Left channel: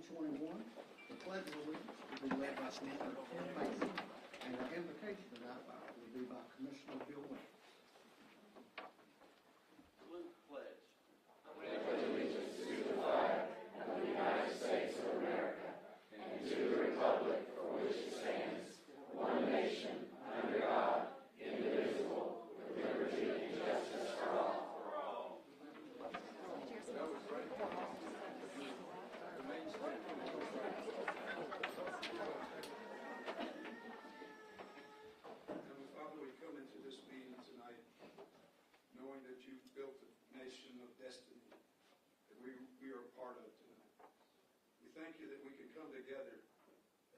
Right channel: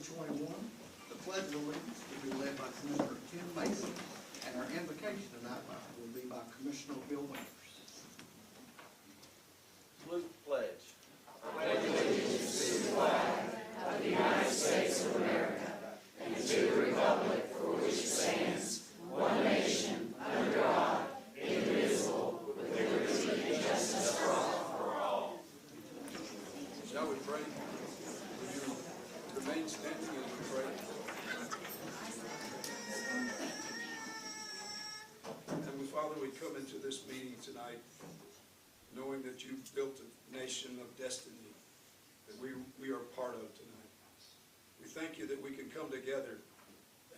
2021. The Pledge of Allegiance will be led by Commissioner Tim Mason, and our invocation tonight will be by Commissioner Bill Winters. Salute pledge. I pledge allegiance to the flag of the United States of America and to the republic for which it stands, one nation, under God, indivisible, with liberty and justice for all. Shall we pray? Would you remain standing as we pray? Heavenly Father, we come into this meeting tonight knowing that you've built a nation of destiny that we are part of tonight. We thank you that we can come together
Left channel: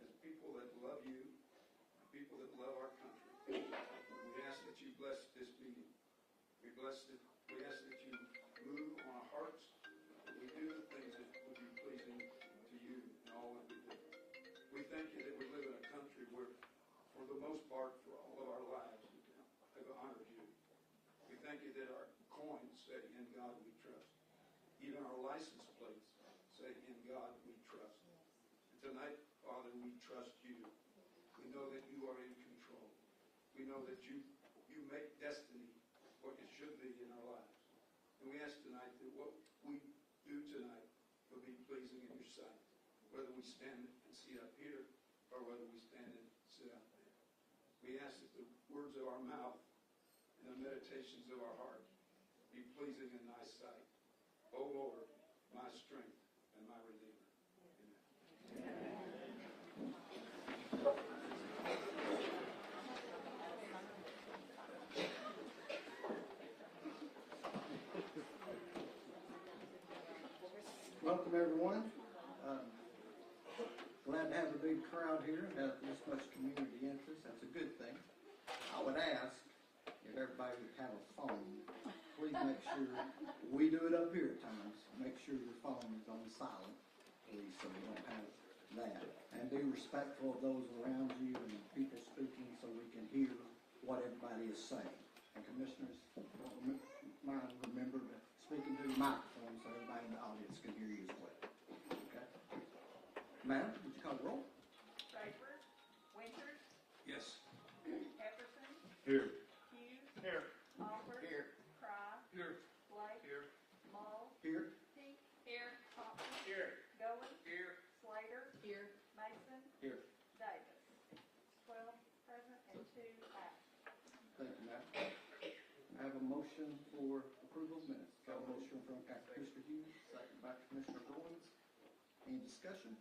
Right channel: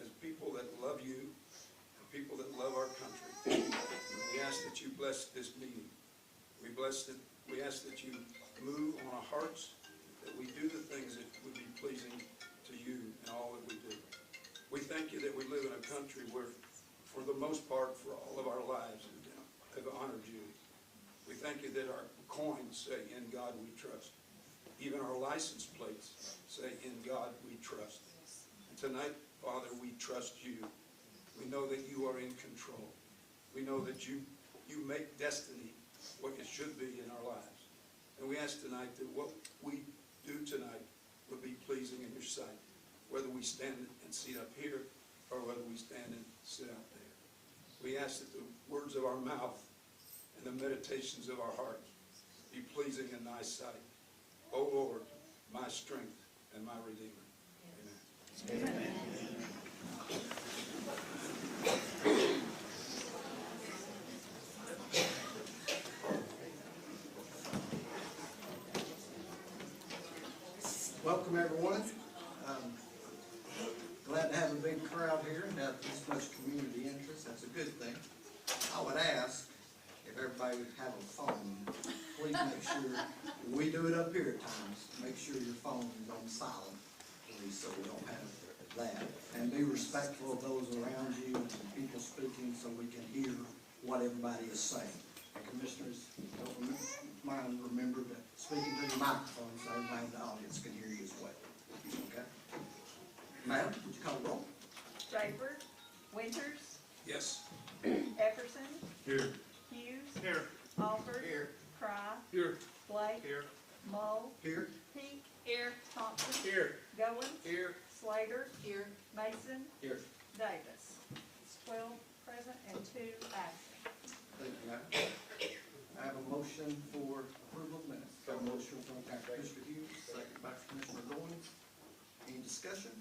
as people that love you and people that love our country. And we ask that you bless this meeting. We ask that you move on our hearts, that we do the things that would be pleasing to you in all that we do. We thank you that we live in a country where, for the most part, for all of our lives, have honored you. We thank you that our coins say, "In God we trust." Even our license plates say, "In God we trust." And tonight, Father, we trust you. We know that you are in control. We know that you make destiny what it should be in our lives. And we ask tonight that what we do tonight would be pleasing in your sight, whether we stand and sit up here or whether we stand and sit out there. We ask that the words of our mouth and the meditations of our hearts be pleasing in thy sight. O Lord, my strength and my Redeemer. Amen. Amen. Welcome, everyone. Glad to have a big crowd here and have this much community interest. That's a good thing. I would ask if everybody would have a phone. Please make sure, we do it up here at times, make sure your phone is on silent, please, so we don't have that. And be respectful of those around you and the people speaking so we can hear what everybody is saying. And commissioners, don't mind, remember to speak into the microphone so everybody in the audience can hear you as well. Okay? Madam, would you call the roll? Draper, Winters, Yes. Epperson, Here. Hughes, Here. Alford, Here. Cry, Here. Blake, Here. Mull, Here. Peak, here, Thompson, Here. Goins, Here. Slater, here, Mason, Here. Davis. It's 12 present and 2 absent. Thank you, Madam. I have a motion for approval of minutes. Got a motion from Commissioner Hughes, second by Commissioner Goins. Any discussion?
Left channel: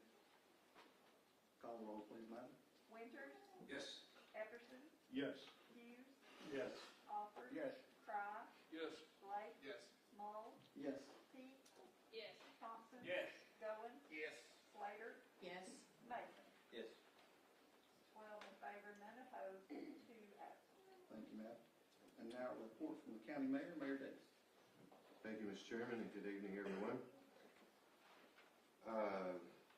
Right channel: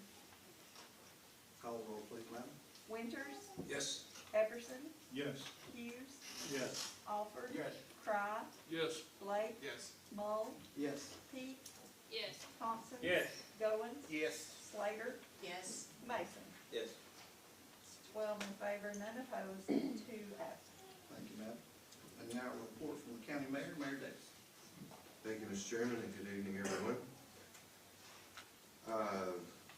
Call the roll, please, Madam. Winters, Yes. Epperson, Yes. Hughes, Yes. Alford, Yes. Cry, Yes. Blake, Yes. Mull, Yes. Peak, Yes. Thompson, Yes. Goins, Yes. Slater, Yes. Mason. Yes. 12 in favor, none opposed, and 2 absent. Thank you, Madam. And now a report from the County Mayor, Mayor Davis. Thank you, Mr. Chairman, and good evening, everyone.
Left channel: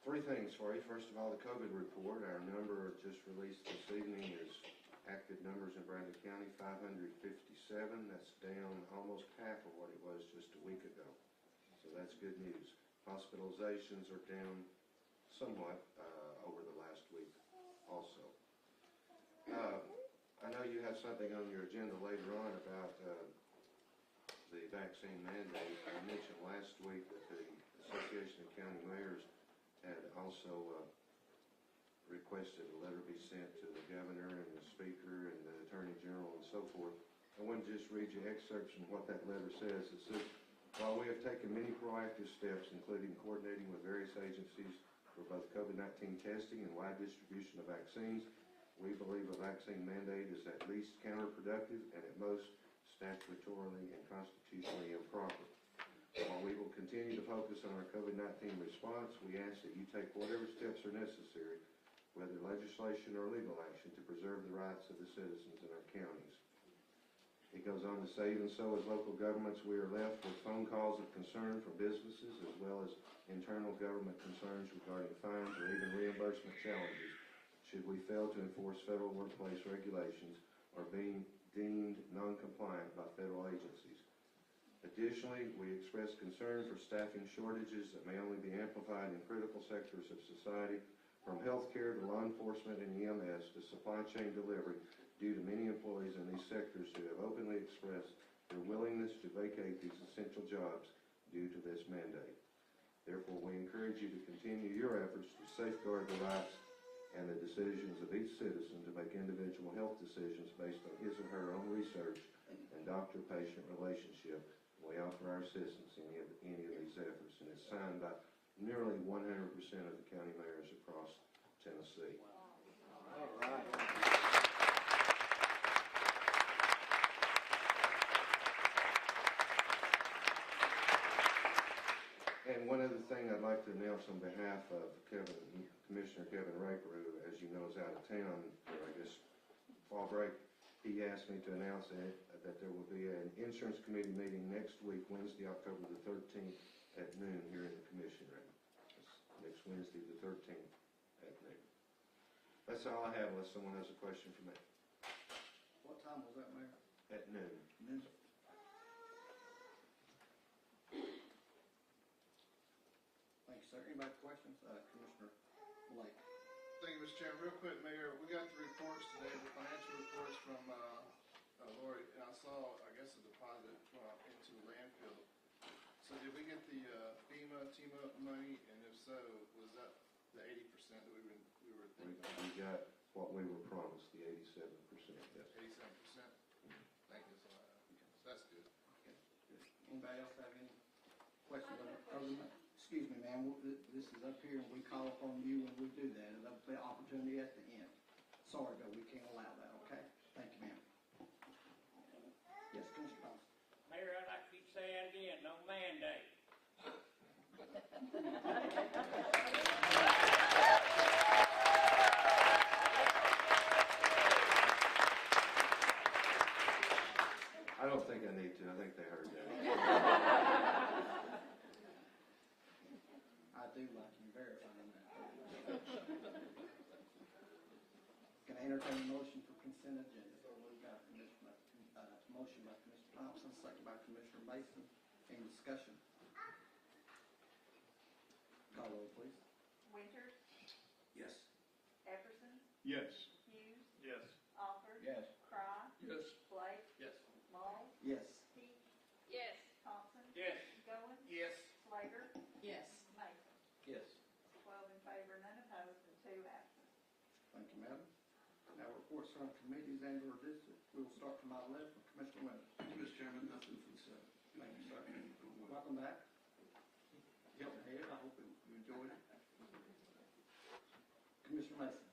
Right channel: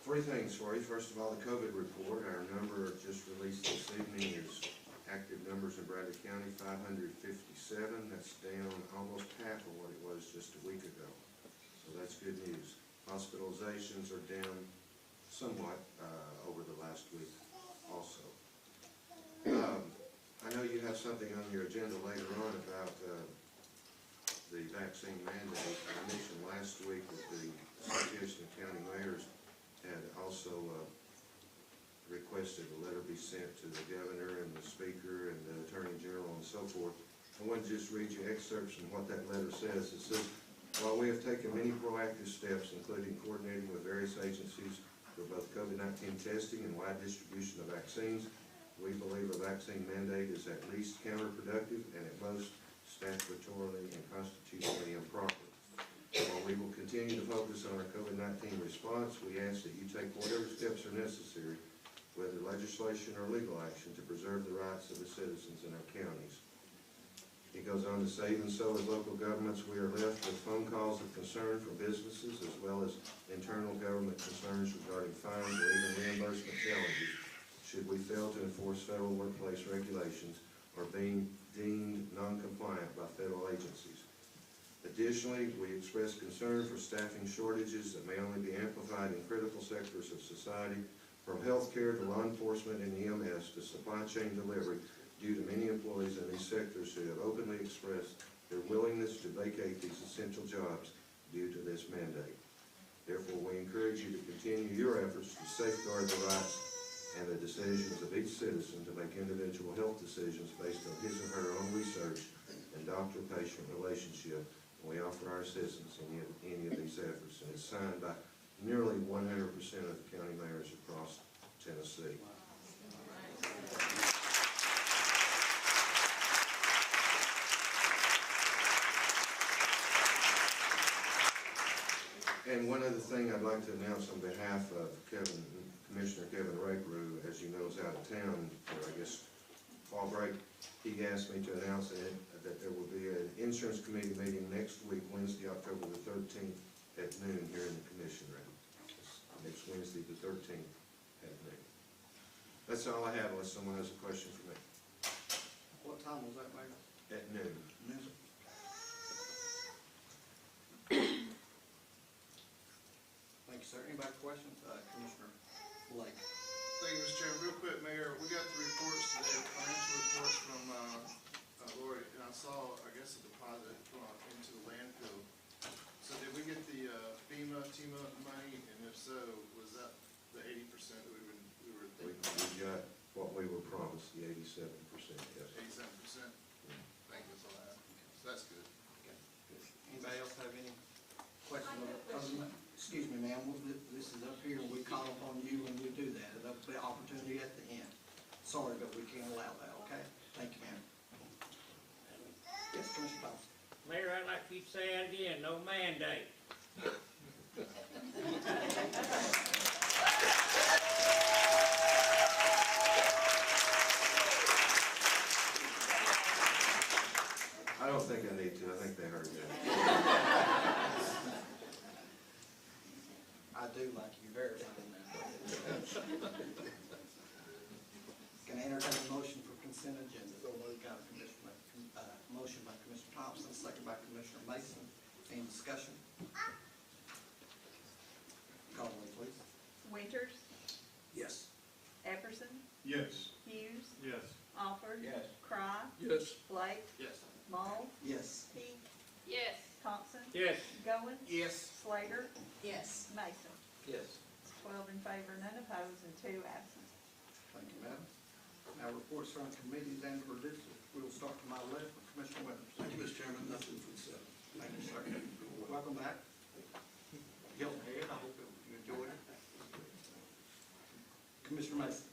Three things for you. First of all, the COVID report. Our number just released this evening is active numbers in Bradley County, 557. That's down almost half of what it was just a week ago. So that's good news. Hospitalizations are down somewhat over the last week also. I know you have something on your agenda later on about the vaccine mandate. I mentioned last week that the Association of County Mayors had also requested a letter be sent to the governor and the speaker and the attorney general and so forth. I want to just read you excerpts from what that letter says. It says, while we have taken many proactive steps, including coordinating with various agencies for both COVID-19 testing and wide distribution of vaccines, we believe a vaccine mandate is at least counterproductive and at most statutorily and constitutionally improper. While we will continue to focus on our COVID-19 response, we ask that you take whatever steps are necessary, whether legislation or legal action, to preserve the rights of the citizens in our counties. He goes on to say, even so, as local governments, we are left with phone calls of concern from businesses as well as internal government concerns regarding fines or even reimbursement challenges should we fail to enforce federal workplace regulations or being deemed non-compliant by federal agencies. Additionally, we express concern for staffing shortages that may only be amplified in critical sectors of society, from healthcare to law enforcement and EMS to supply chain delivery, due to many employees in these sectors who have openly expressed their willingness to vacate these essential jobs due to this mandate. Therefore, we encourage you to continue your efforts to safeguard the rights and the decisions of each citizen to make individual health decisions based on his or her own research and doctor-patient relationship. We offer our assistance in any of these efforts, and it's signed by nearly 100% of the county mayors across Tennessee. And one other thing I'd like to announce on behalf of Commissioner Kevin Rakeru, as you know, is out of town for, I guess, fall break. He asked me to announce that there will be an insurance committee meeting next week, Wednesday, October the 13th at noon here in the commission room. Next Wednesday, the 13th at noon. That's all I have unless someone has a question for me. What time was that, Mayor? At noon. Noon. Thank you, sir. Anybody questions? Commissioner Blake. Thank you, Mr. Chairman. Real quick, Mayor, we got the reports today, the financial reports from Lori, and I saw, I guess, a deposit into the landfill. So did we get the FEMA, TEMA money, and if so, was that the 80% that we were thinking? We got what we were promised, the 87%, yes. 87%? Thank you, that's all I have. So that's good. Okay, good. Anybody else have any questions other than that? Excuse me, ma'am, this is up here, and we call upon you when we do that. It'll be an opportunity at the end. Sorry, but we can't allow that, okay? Thank you, ma'am. Yes, Commissioner Thompson. Mayor, I'd like you to say it again, no mandate. I don't think I need to. I think they heard that. I do like you verifying that. Can I entertain a motion for consent agenda? Got a motion by Commissioner Thompson, second by Commissioner Mason. Any discussion? Call the roll, please. Winters, Yes. Epperson, Yes. Hughes, Yes. Alford. Yes. Cry, Yes. Blake, Yes. Mull, Yes. Heath. Yes. Thompson. Yes. Goins. Yes. Slater. Yes. Mason. Yes. 12 in favor, none opposed, and 2 absent. Thank you, madam. Now, reports from committees and or districts. We will start to my left with Commissioner Winters. Thank you, Mr. Chairman. Nothing for the seven. Thank you, sir. Welcome back. Hilton Head, I hope you enjoyed it. Commissioner Mason.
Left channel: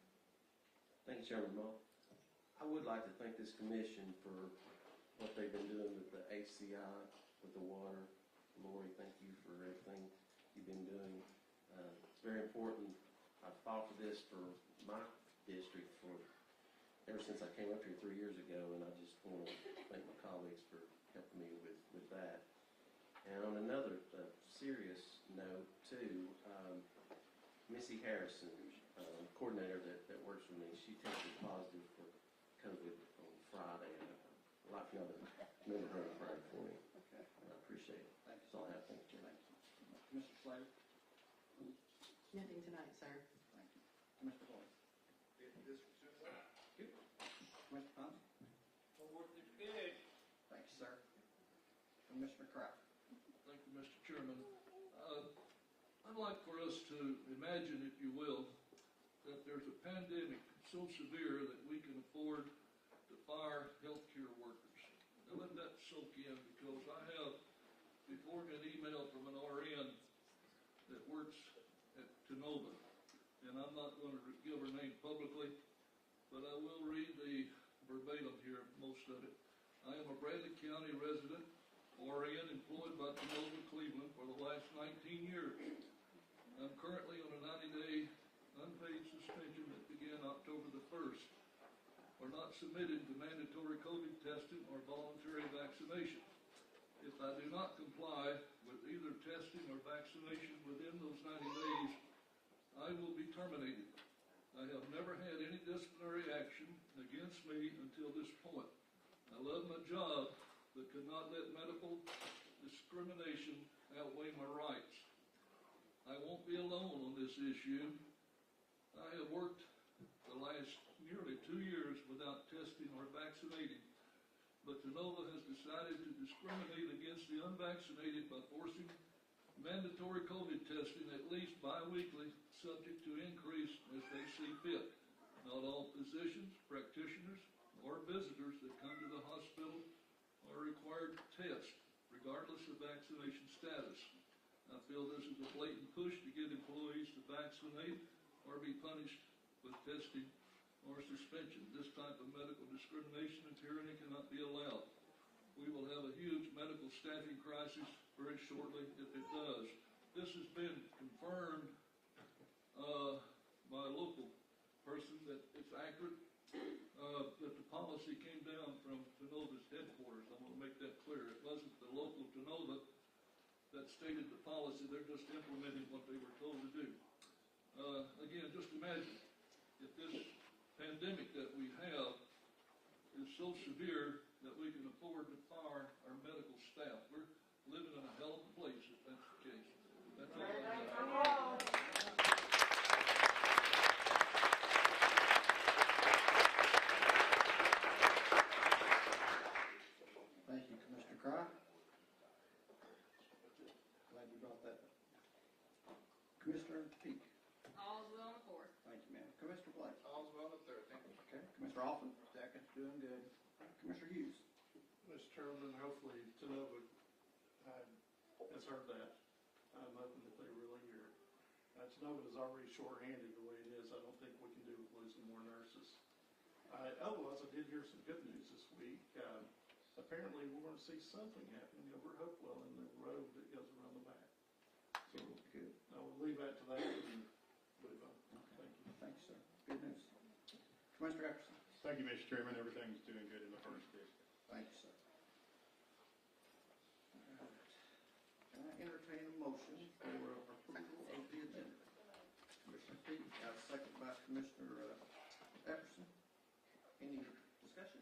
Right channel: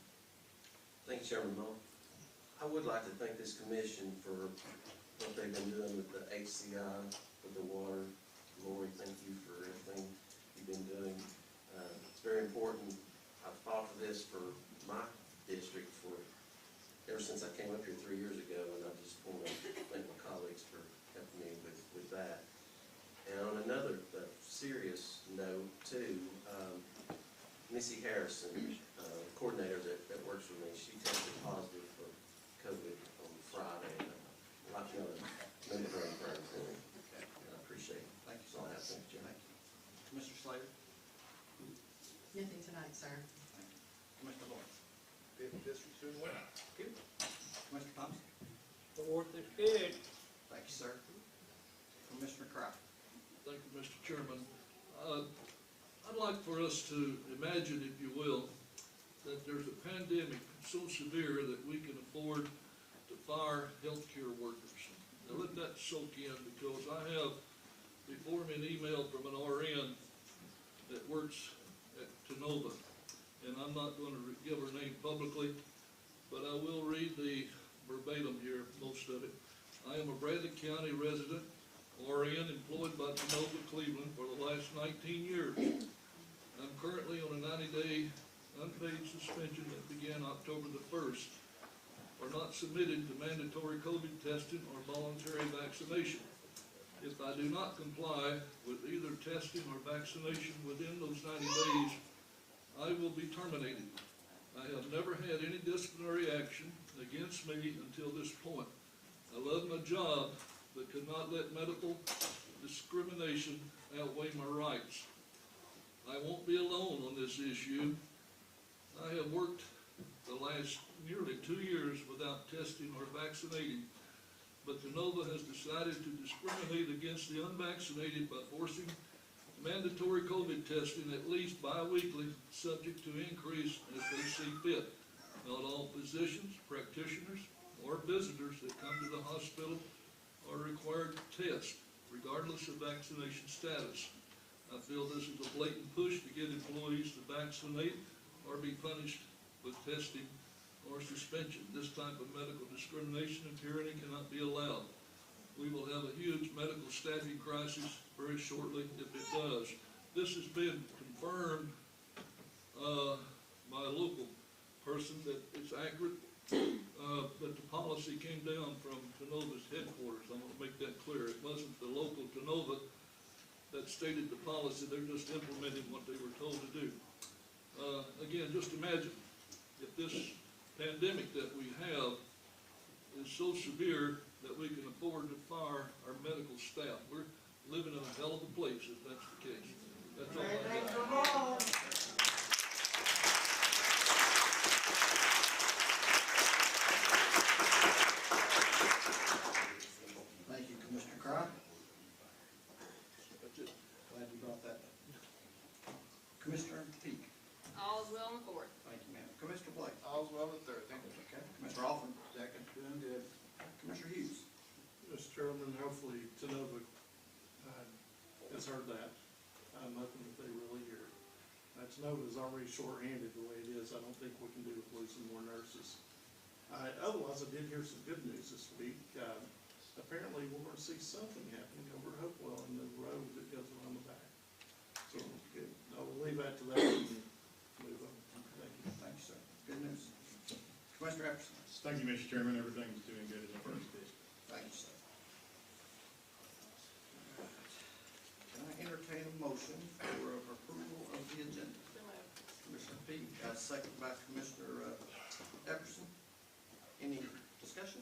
Thank you, Chairman Mull. I would like to thank this commission for what they've been doing with the HCI, with the water. Lori, thank you for everything you've been doing. It's very important. I've fought for this for my district ever since I came up here 3 years ago, and I just want to thank my colleagues for helping me with that. And on another serious note too, Missy Harrison, coordinator that works with me, she tested positive for COVID on Friday. I'd like to remember her in prayer for me. I appreciate it. Thank you, That's all I have. sir. Thank you, Jim. Thank you. Commissioner Slater. Nothing tonight, sir. Thank you. Commissioner Lawrence. District 2 and 1. Commissioner Thompson. The fourth is good. Thank you, sir. Commissioner Cry. Thank you, Mr. Chairman. I'd like for us to imagine, if you will, that there's a pandemic so severe that we can afford to fire healthcare workers. Now let that soak in, because I have before me an email from an RN that works at Toyota, and I'm not going to give her name publicly, but I will read the verbatim here, most of it. I am a Bradley County resident, RN, employed by Toyota Cleveland for the last 19 years. I'm currently on a 90-day unpaid suspension that began October the 1st, or not submitted to mandatory COVID testing or voluntary vaccination. If I do not comply with either testing or vaccination within those 90 days, I will be terminated. I have never had any disciplinary action against me until this point. I love my job, but could not let medical discrimination outweigh my rights. I won't be alone on this issue. I have worked the last nearly 2 years without testing or vaccinating, but Toyota has decided to discriminate against the unvaccinated by forcing mandatory COVID testing at least bi-weekly, subject to increase as they see fit. Not all physicians, practitioners, or visitors that come to the hospital are required to test, regardless of vaccination status. I feel this is a blatant push to get employees to vaccinate or be punished with testing or suspension. This type of medical discrimination and tyranny cannot be allowed. We will have a huge medical staffing crisis very shortly if it does. This has been confirmed by a local person that it's accurate, that the policy came down from Toyota's headquarters. I want to make that clear. It wasn't the local Toyota that stated the policy. They're just implementing what they were told to do. Again, just imagine if this pandemic that we have is so severe that we can afford to fire our medical staff. We're living in a hell of a place if that's the case. That's all I got. Thank you, Commissioner Crye. That's it. Glad you brought that up. Commissioner Peak. All is well in the fourth. Thank you, ma'am. Commissioner Blake. All's well with third, thank you. Okay. Commissioner Alford. Second. Doing good. Commissioner Hughes. Mr. Chairman, hopefully Toyota has heard that. Nothing that they really hear. Toyota is already short-handed the way it is. I don't think we can do with losing more nurses. Otherwise, I did hear some good news this week. Apparently, we're going to see something happening over at Hopewell in the road that goes around the back. So, good. I will leave that to that and move on. Thank you. Thank you, sir. Good news. Commissioner Epperson. Thank you, Mr. Chairman. Everything's doing good in the first district. Thank you, sir. All right. Can I entertain a motion for approval of the agenda? Commissioner Peak, second by Commissioner Epperson. Any discussion?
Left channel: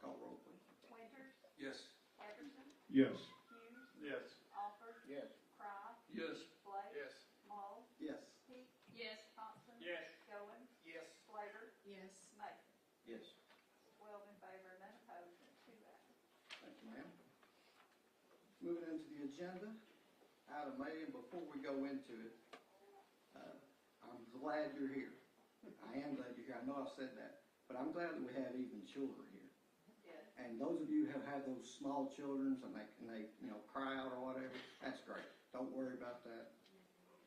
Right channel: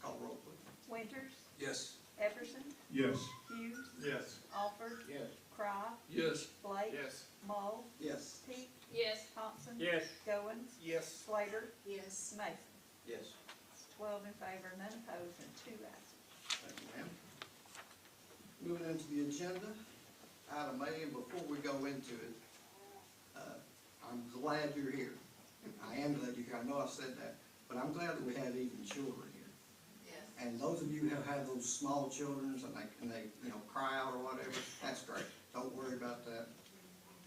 Call roll, please. Winters, Yes. Epperson, Yes. Hughes, Yes. Alford, Yes. Cry, Yes. Blake, Yes. Mull, Yes. Peak, Yes. Thompson, Yes. Goins, Yes. Slater, Yes. Mason. Yes. 12 in favor, none opposed, and 2 absent. Thank you, ma'am. Moving into the agenda, item A, and before we go into it, I'm glad you're here. I am glad you're here. I know I've said that, but I'm glad that we have even children here. Yes. And those of you who have those small children and they cry out or whatever, that's great. Don't worry about that.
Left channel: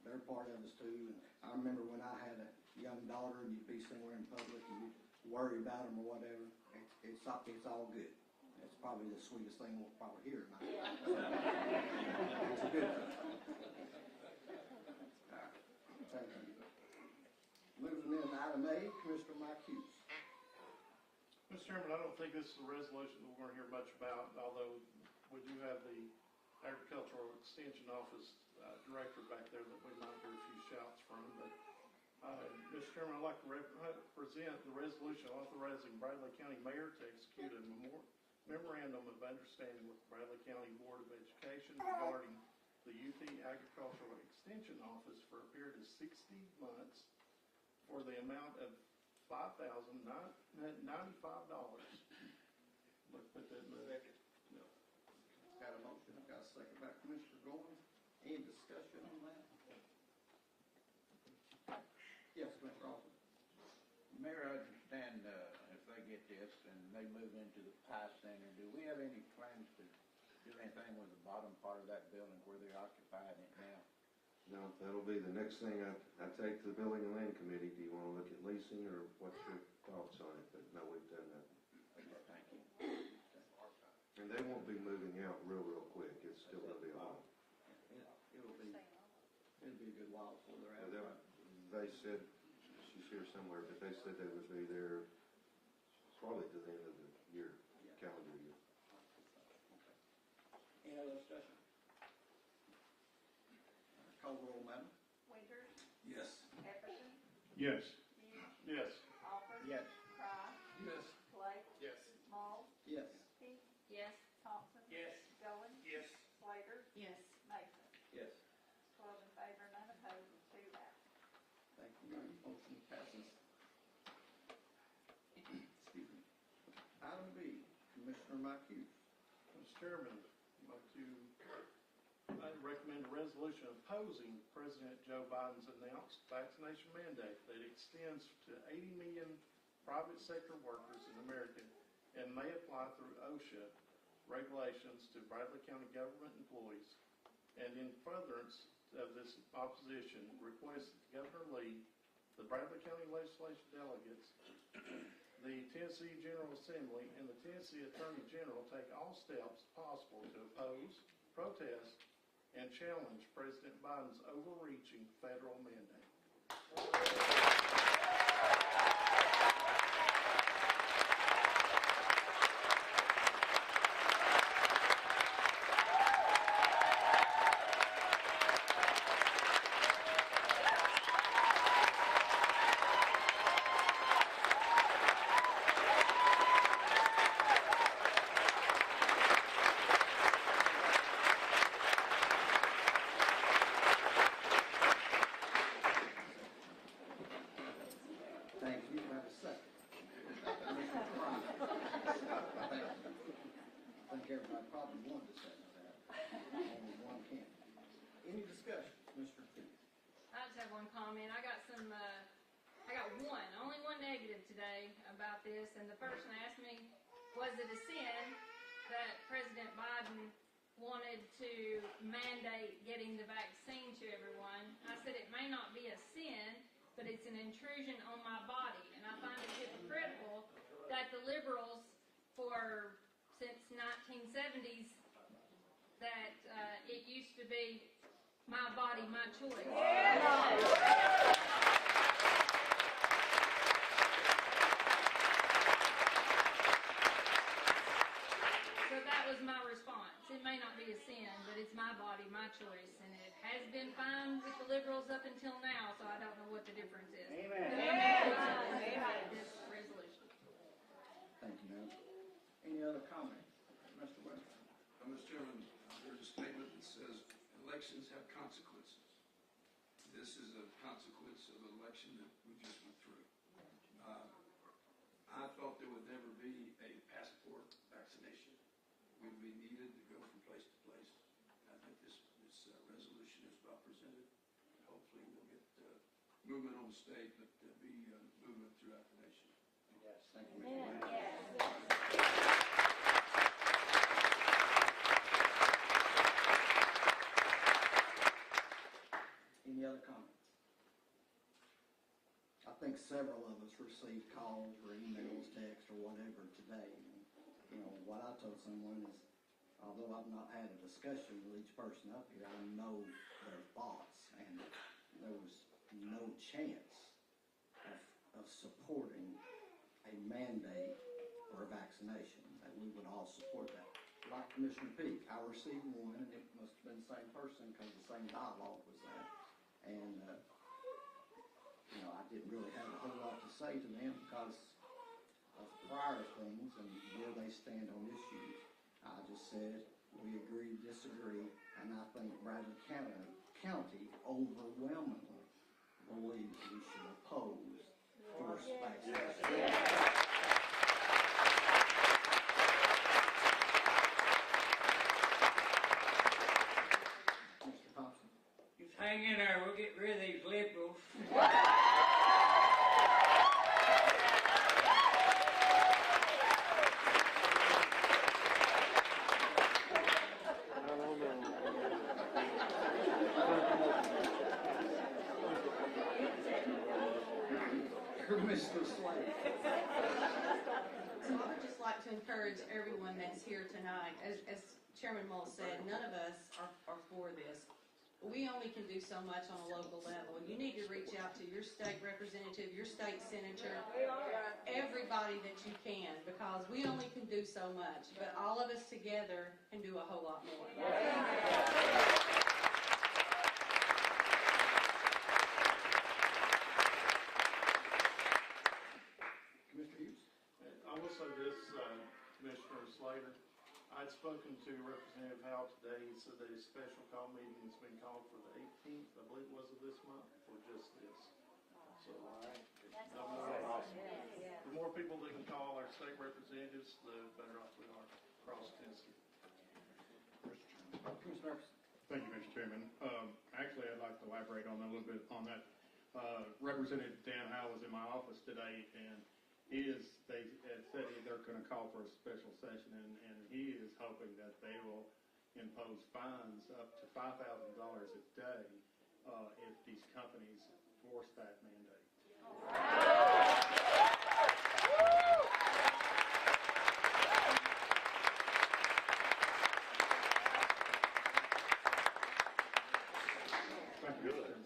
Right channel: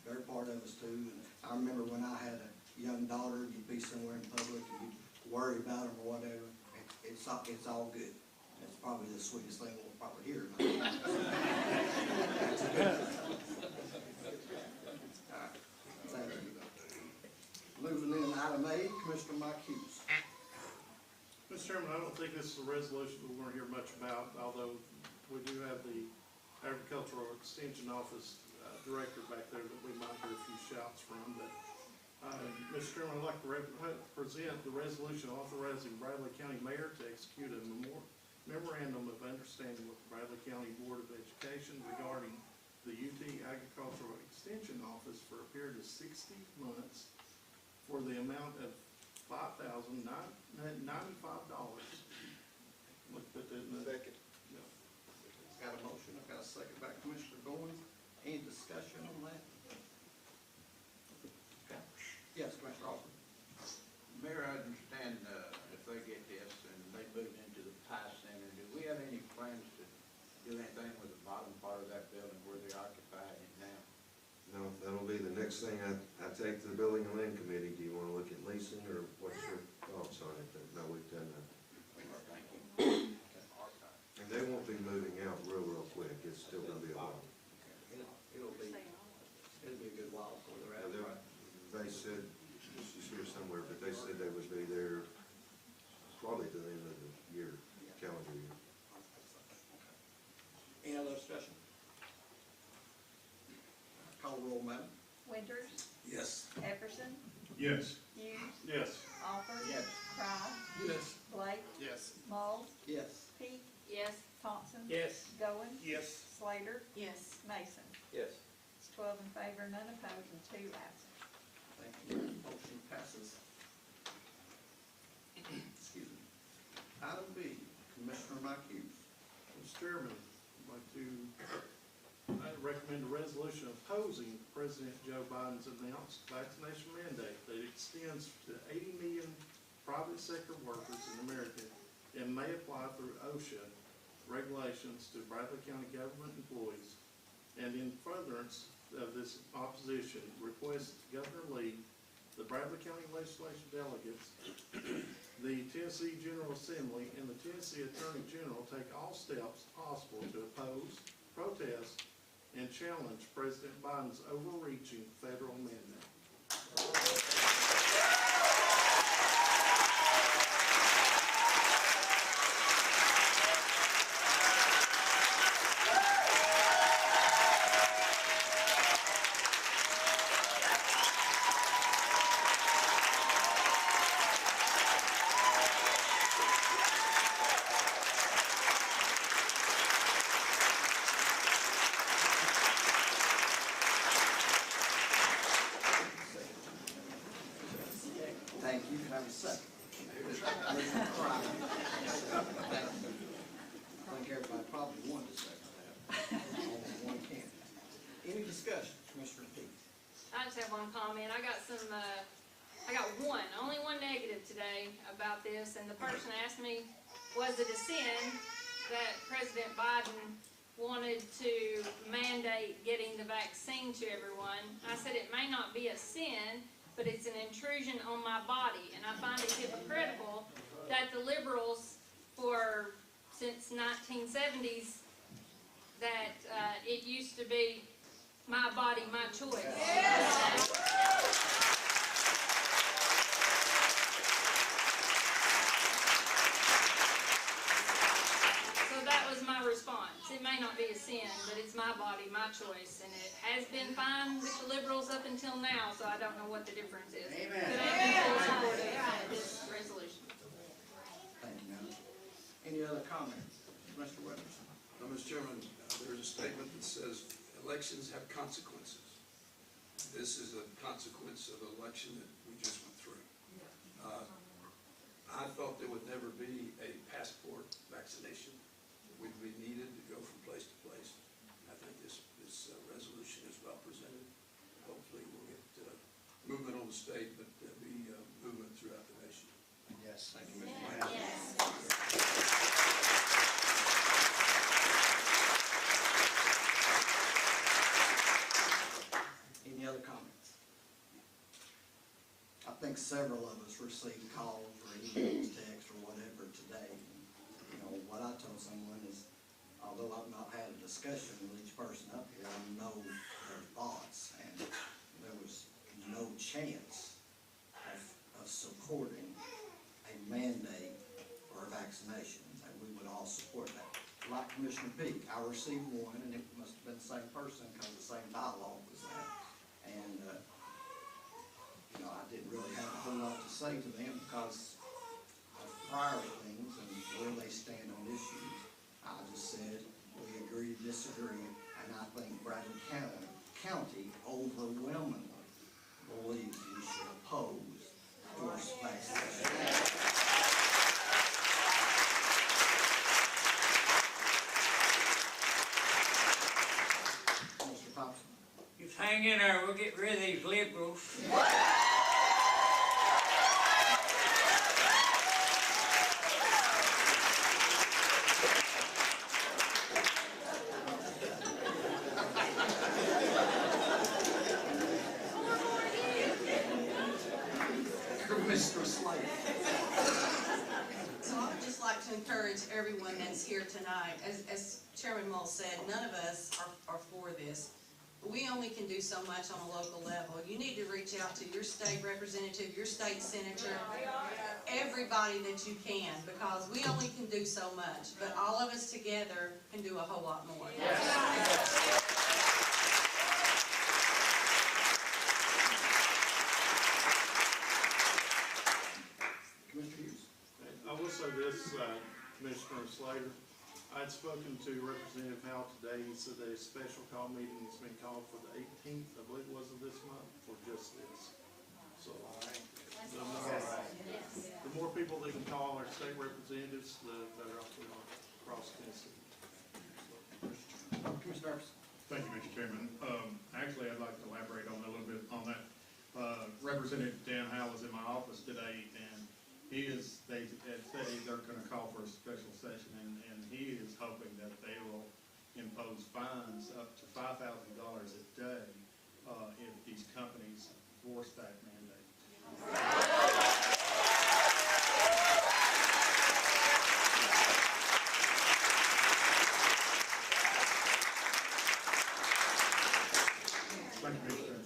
They're part of us too. And I remember when I had a young daughter and you'd be somewhere in public and you'd worry about them or whatever. It's all good. It's probably the sweetest thing we'll probably hear about. That's a good thing. All right. Thank you. Moving in to item A, Commissioner Mike Hughes. Mr. Chairman, I don't think this is a resolution we're going to hear much about, although we do have the Agricultural Extension Office Director back there that we might hear a few shouts from. But, Mr. Chairman, I'd like to present the resolution authorizing Bradley County Mayor to execute a memorandum of understanding with the Bradley County Board of Education regarding the UT Agricultural Extension Office for a period of 60 months for the amount of $5,095. Look, put that in the. Second. Got a motion, I've got a second by Commissioner Goins. Any discussion on that? Yes, Commissioner Alford. Mayor, I understand if they get this and they move into the Pie Center, do we have any plans to do anything with the bottom part of that building where they're occupying it now? No, that'll be the next thing I take to the Building and Land Committee. Do you want to look at leasing, or what's your thoughts on it? But no, we've done that. Thank you. And they won't be moving out real quick. It's still gonna be a while. It'll be a good while before they're out. But they said, she's here somewhere, but they said they would be there probably to the end of the year, calendar year. Any other discussion? Call roll, madam. Winters, Yes. Epperson, Yes. Hughes, Yes. Alford, Yes. Cry, Yes. Blake, Yes. Mull, Yes. Peak, Yes. Thompson, Yes. Goins, Yes. favor, none opposed, and 2 absent. Thank you. Motion passes. Excuse me. Item B, Commissioner Mike Hughes. Mr. Chairman, I'd recommend a resolution opposing President Joe Biden's announced vaccination mandate that extends to 80 million private sector workers in America and may apply through OSHA regulations to Bradley County government employees. And in furtherance of this opposition, request Governor Lee, the Bradley County legislative delegates, the Tennessee General Assembly, and the Tennessee Attorney General take all steps possible to oppose, protest, and challenge President Biden's overreaching federal amendment. Thank you. Have a second. Thank you. I think everybody probably wanted to second that. Only one can. Any discussion, Commissioner Peak? I just have one comment. I got only one negative today about this, and the person asked me, was it a sin that President Biden wanted to mandate getting the vaccine to everyone? I said it may not be a sin, but it's an intrusion on my body, and I find it hypocritical that the liberals since 1970s, that it used to be my body, my choice. So that was my response. It may not be a sin, but it's my body, my choice, and it has been fine with the liberals up until now, so I don't know what the difference is. Amen. But I'm in full support of this resolution. Thank you, ma'am. Any other comments? Mr. Weathers? Mr. Chairman, there's a statement that says elections have consequences. This is a consequence of an election that we just went through. I thought there would never be a passport vaccination. We'd be needed to go from place to place. I think this resolution is well presented. Hopefully we'll get movement on the state, but there'll be movement throughout the nation. Yes, thank you, Mr. Weathers. Any other comments? I think several of us received calls or emails, text, or whatever today. You know, what I told someone is, although I've not had a discussion with each person up here, I know their thoughts, and there was no chance of supporting a mandate or a vaccination, that we would all support that. Like Commissioner Peak, I received one, and it must have been the same person, because the same dialogue was that. And, you know, I didn't really have a whole lot to say to them because of prior things and where they stand on issues. I just said, we agree to disagree, and I think Bradley County overwhelmingly believes we should oppose forced vaccination. Mr. Thompson? Just hang in there, we'll get rid of these liberals. Mr. Slade? So I would just like to encourage everyone that's here tonight, as Chairman Mull said, none of us are for this. We only can do so much on a local level. You need to reach out to your state representative, your state senator, everybody that you can, because we only can do so much, but all of us together can do a whole lot more. Commissioner Hughes? I will say this, Commissioner Slater, I I'd spoken to Representative Howell today. He said that a special call meeting has been called for the 18th, I believe it was, of this month, for just this. So, the more people that can call our state representatives, the better off we are across Tennessee. Commissioner Darby. Thank you, Mr. Chairman. Actually, I'd like to elaborate on that a little bit on that. Representative Dan Howell was in my office today, and they had said they're gonna call for a special session, and he is hoping that they will impose fines up to $5,000 a day, if these companies force that mandate. Thank you, Mr. Chairman.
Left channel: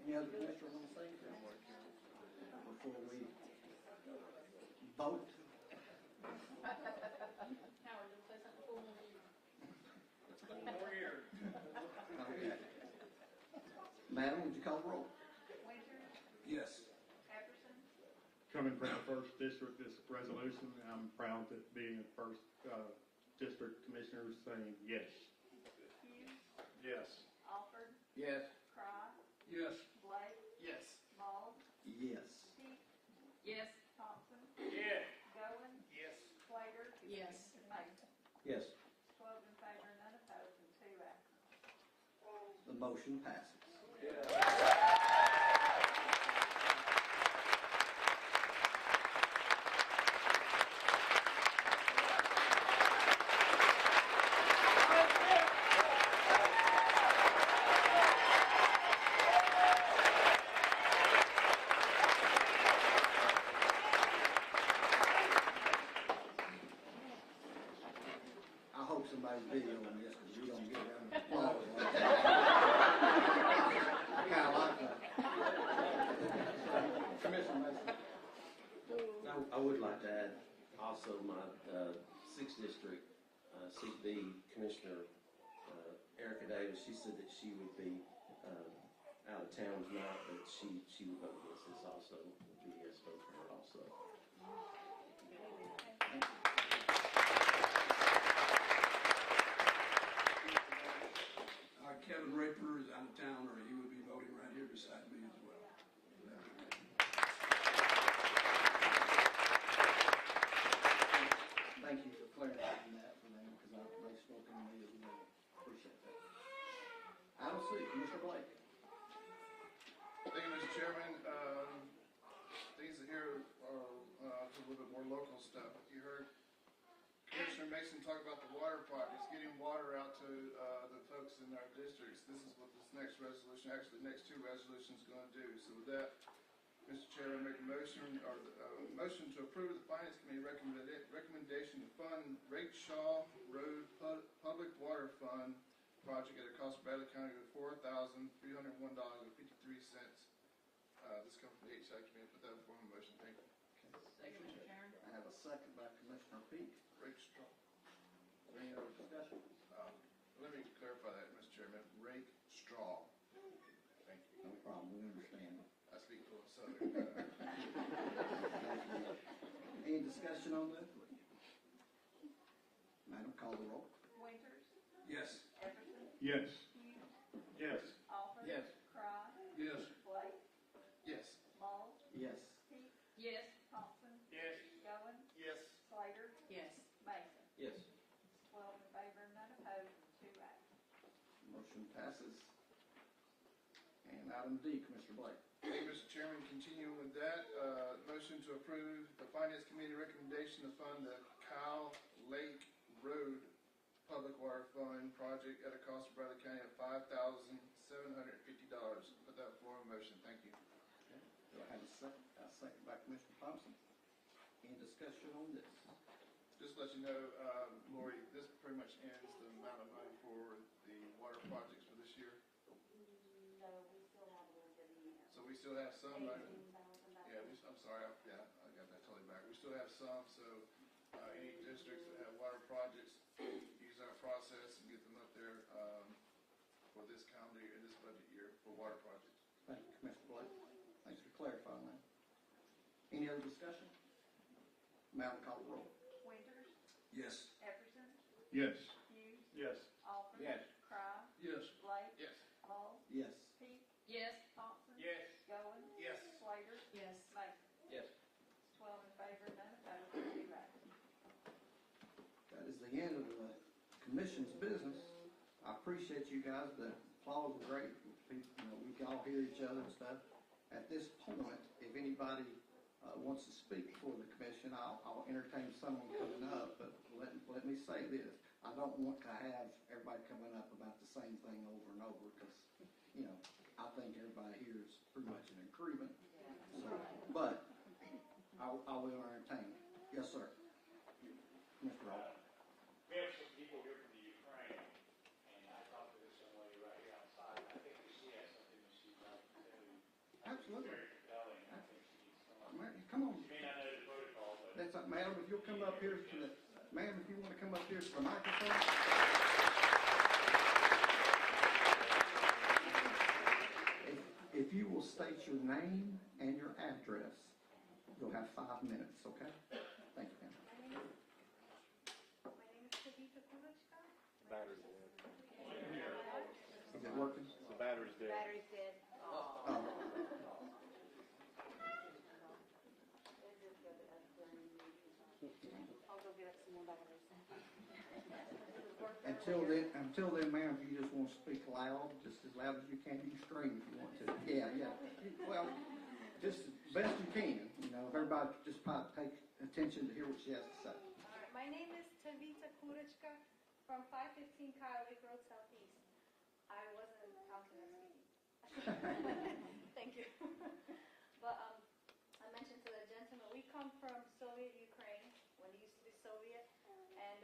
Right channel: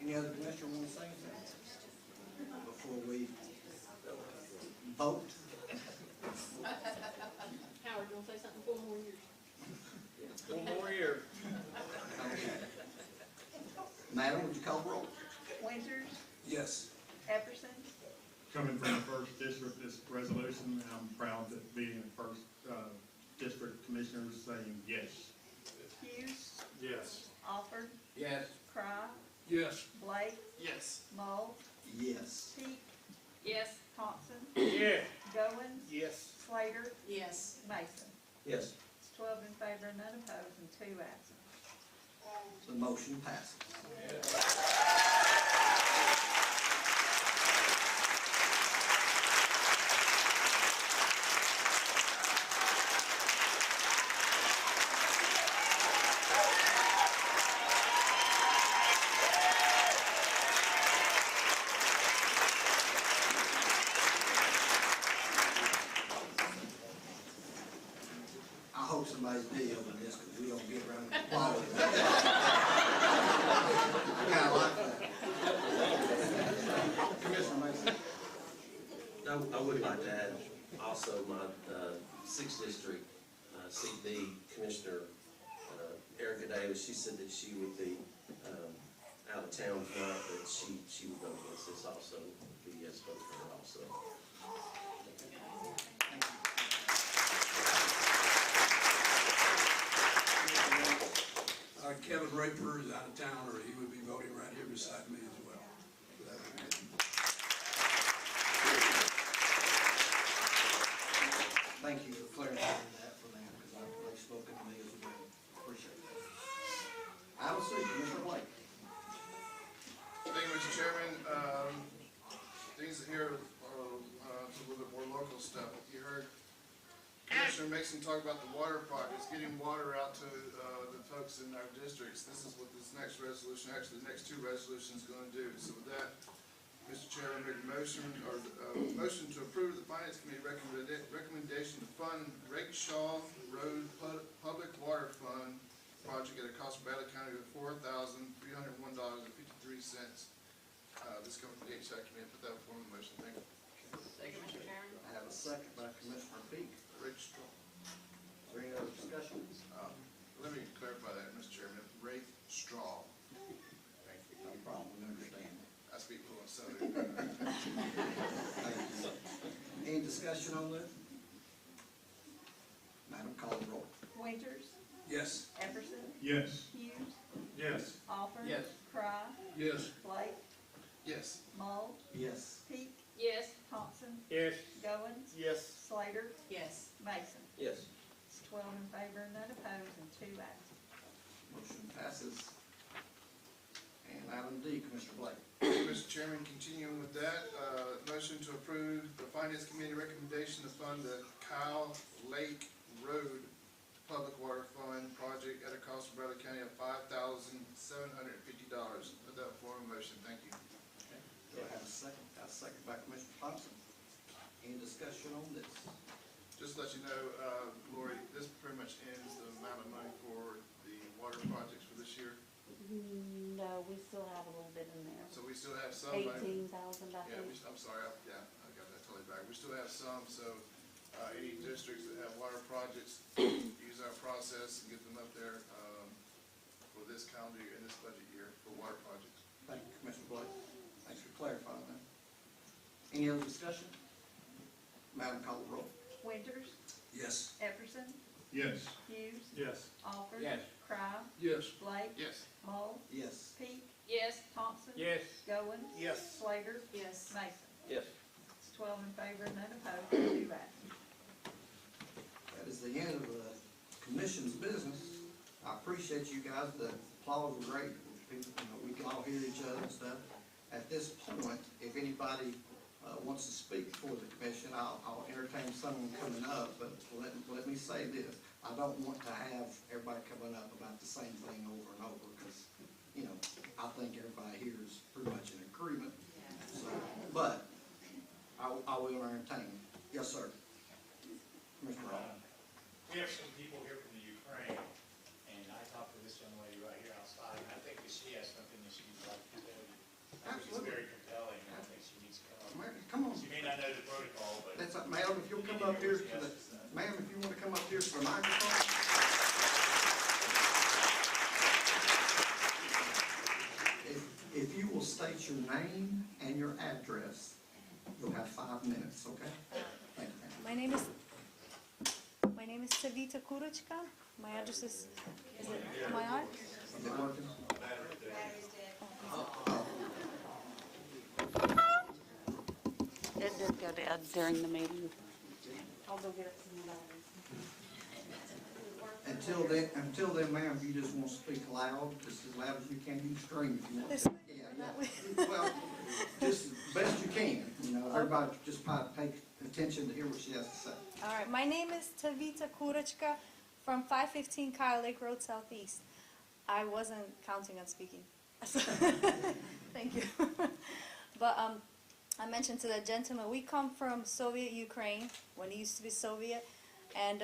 Any other commissioner want to say anything before we vote? Howard, you wanna say something? 4 more years. 1 more year. Okay. Madam, would you call the roll? Winters, Yes. Epperson, Coming from the first district, this resolution, I'm proud to be in first, district commissioners saying yes. Hughes, Yes. Alford, Yes. Cry, Yes. Blake, Yes. Mull, Yes. Peak, Yes. Thompson, Yeah. Goins, Yes. Slater, Yes. Mason. Yes. It's 12 in favor, none opposed, and 2 absent. The motion passes. I hope somebody's videoing this, because we don't get around to following that. I kinda like that. Commissioner Mason. I would like to add also my 6th District CD Commissioner Erica Davis. She said that she would be out of town tonight, but she would vote against this also, be a yes vote for her also. Thank you. Kevin Raper is out of town, or he would be voting right here beside me as well. Thank you for clarifying that for them, because they've spoken to me as well. Appreciate that. Item C, Commissioner Blake. Thank you, Mr. Chairman. Things here are a little bit more local stuff. You heard Commissioner Mason talk about the water projects, getting water out to the folks in our districts. This is what this next resolution, actually the next 2 resolutions are gonna do. So with that, Mr. Chairman, make a motion, or motion to approve the Finance Committee recommendation to fund Rakeshaw Road Public Water Fund project at a cost of Bradley County of $4,301.53. This comes from the HI Committee. Put that before the motion. Thank you. Second, Mr. Chairman. I have a second by Commissioner Peak. Rakestraw. Is there any other discussion? Let me clarify that, Mr. Chairman. Rake straw. Thank you. No problem, we understand. I speak fluent Southern. Any discussion on this? Madam, call the roll. Winters, Yes. Epperson, Yes. Hughes, Yes. Alford, Yes. Cry, Yes. Blake, Yes. Mull, Yes. Peak, Yes. Thompson, Yes. Goins, Yes. Slater, Yes. Mason. Yes. It's 12 in favor, none opposed, and 2 absent. Motion passes. And item D, Commissioner Blake. Mr. Chairman, continuing with that, motion to approve the Finance Committee recommendation to fund the Kyle Lake Road Public Water Fund project at a cost of Bradley County of $5,750. Put that before the motion. Thank you. Do I have a second? A second by Commissioner Thompson. Any discussion on this? Just to let you know, Lori, this pretty much ends the amount of money for the water projects for this year. No, we still have a little bit in there. So we still have some. 18,000, I Yeah, think. I'm sorry, I got that totally back. We still have some, so, any districts that have water projects, use our process and get them up there, for this calendar year, in this budget year, for water projects. Thank you, Commissioner Blake. Thanks for clarifying that. Any other discussion? Madam, call the roll. Winters, Yes. Epperson, Yes. Hughes, Yes. Alford. Yes. Cry, Yes. Blake, Yes. Mull, Yes. Peak, Yes. Thompson. Yes. Goins. Yes. Slater, Yes. Mason. Yes. It's 12 in favor, none opposed, two absent. That is the end of the commission's business. I appreciate you guys, the applause was great. People, you know, we can all hear each other and stuff. At this point, if anybody, wants to speak for the commission, I'll entertain someone coming up, but let me say this. I don't want to have everybody coming up about the same thing over and over, because, you know, I think everybody here is pretty much in agreement. So, but I will entertain. Yes, sir. Mr. Ross. We have some people here from the Ukraine, and I talked to this young lady right here outside, and I think that she has something that she'd like to tell you. I think it's Absolutely. very compelling, and I think she needs to come up. Mary, come on. She may not know the protocol, but. That's, ma'am, if you'll come up here to the, ma'am, if you wanna come up here to the microphone. If you will state your name and your address, you'll have 5 minutes, okay? Thank you, ma'am. My name is Savita Kurochka. My address is it, am I on? Is it working? Battery's dead. Oh, It did go dead during the meeting. I'll go get some more batteries. until then, ma'am, if you just wanna speak loud, just as loud as you can, you can scream if you want This- to. Yeah. Well, just as best you can, you know, everybody just probably take attention to hear what she has to say. All right, my name is Tavita Kurochka from 515 Kyle Lake Road Southeast. I wasn't counting on speaking. Thank you. But I mentioned to the gentleman, we come from Soviet Ukraine, when it used to be Soviet, and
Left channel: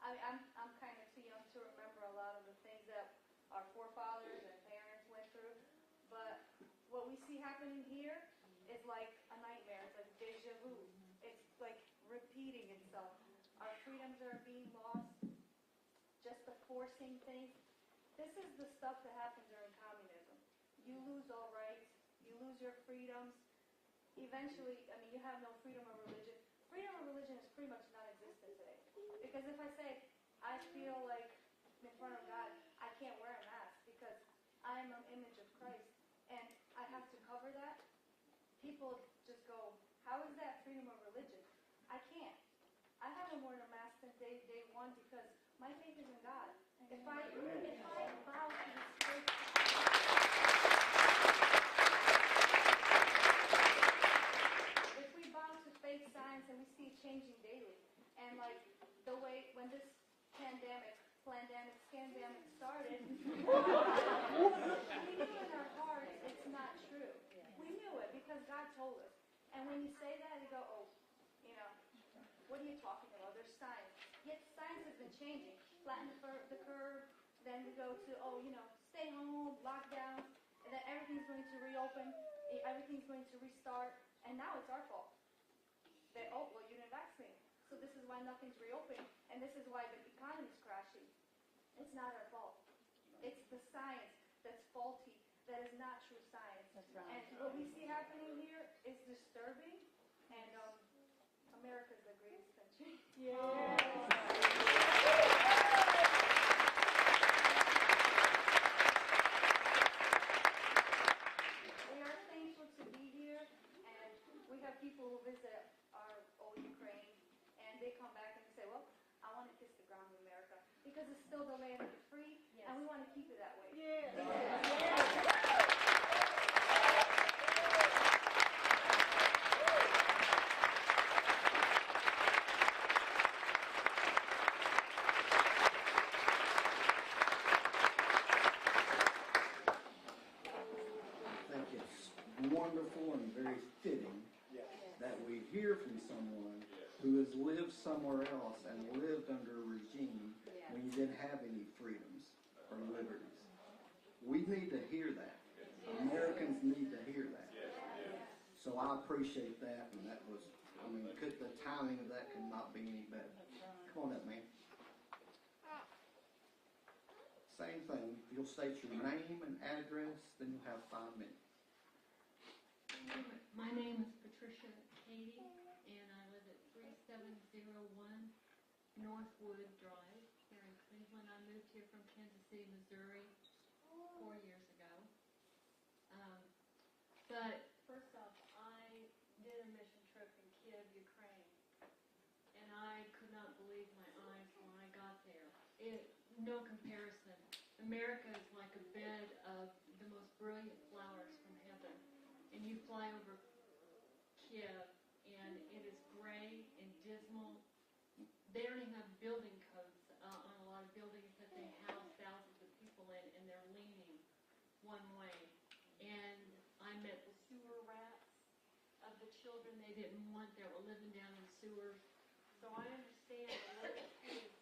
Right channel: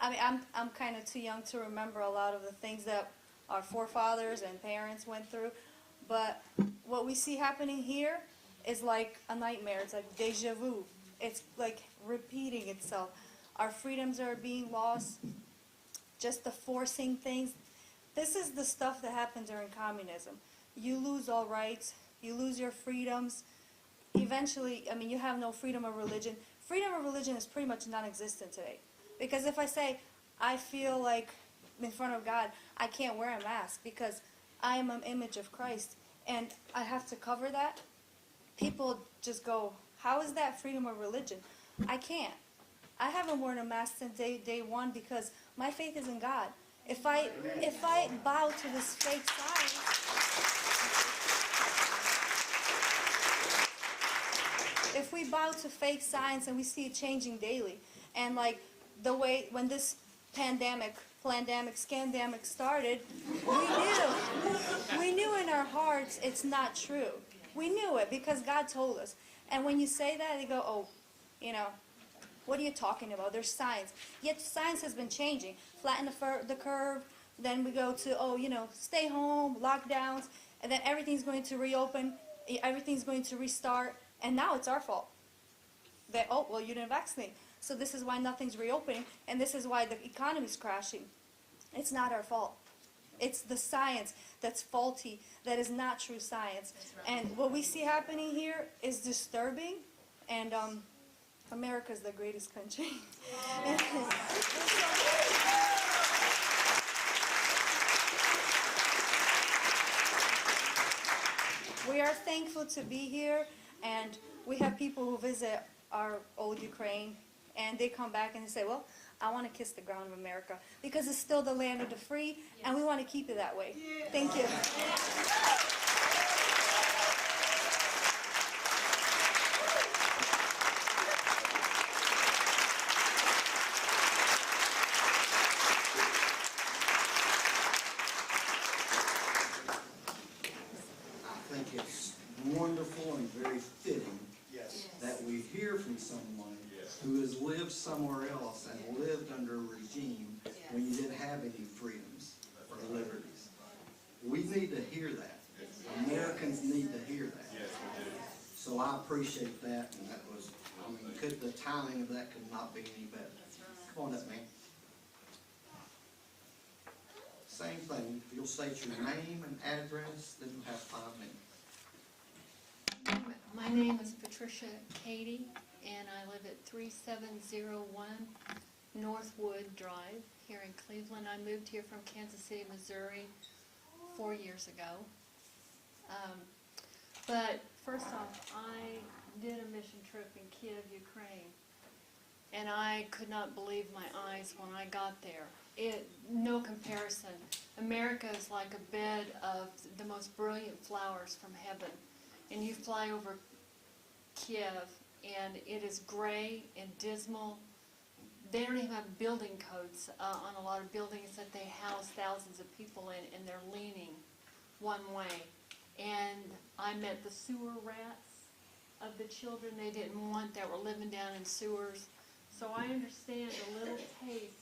I mean, I'm kind of too young to remember a lot of the things that our forefathers and parents went through, but what we see happening here is like a nightmare. It's like deja vu. It's like repeating itself. Our freedoms are being lost, just the forcing things. This is the stuff that happened during communism. You lose all rights, you lose your freedoms. Eventually, I mean, you have no freedom of religion. Freedom of religion is pretty much non-existent today. Because if I say, I feel like in front of God, I can't wear a mask because I am an image of Christ and I have to cover that, people just go, how is that freedom of religion? I can't. I haven't worn a mask since day one because my faith is in God. If I bow to this fake science, if we bow to fake science and we see it changing daily, and like the way when this pandemic, scandemic started, we knew in our hearts it's not true. We knew it because God told us. And when you say that, they go, oh, you know, what are you talking about? There's science. Yet science has been changing. Flatten the curve, then we go to, oh, you know, stay home, lockdowns, and then everything's going to reopen, everything's going to restart, and now it's our fault. That, oh, well, you didn't vaccinate. So this is why nothing's reopening, and this is why the economy's crashing. It's not our fault. It's the science that's faulty, that is not true science. And what we see happening here is disturbing, and America's the greatest country. We are thankful to be here, and we have people who visit our old Ukraine, and they come back and they say, well, I want to kiss the ground of America, because it's still the land of the free, and we want to keep it that way. Thank you. I think it's wonderful and very fitting that we hear from someone who has lived somewhere else and lived under a regime when you didn't have any freedoms or liberties. We need to hear that. Americans need to hear that. So I appreciate that, and that was, I mean, the timing of that could not be any better. Come on up, man. Same thing, if you'll state your name and address, then you'll have 5 minutes. My name is Patricia Cady, and I live at 3701 Northwood Drive here in Cleveland. I moved here from Kansas City, Missouri 4 years ago. But first off, I did a mission trip in Kiev, Ukraine, and I could not believe my eyes when I got there. No comparison. America is like a bed of the most brilliant flowers from heaven. And you fly over Kiev, and it is gray and dismal. They don't even have building codes on a lot of buildings that they house thousands of people in, and they're leaning one way. And I met the sewer rats of the children they didn't want that were living down in sewers. So I understand a little taste.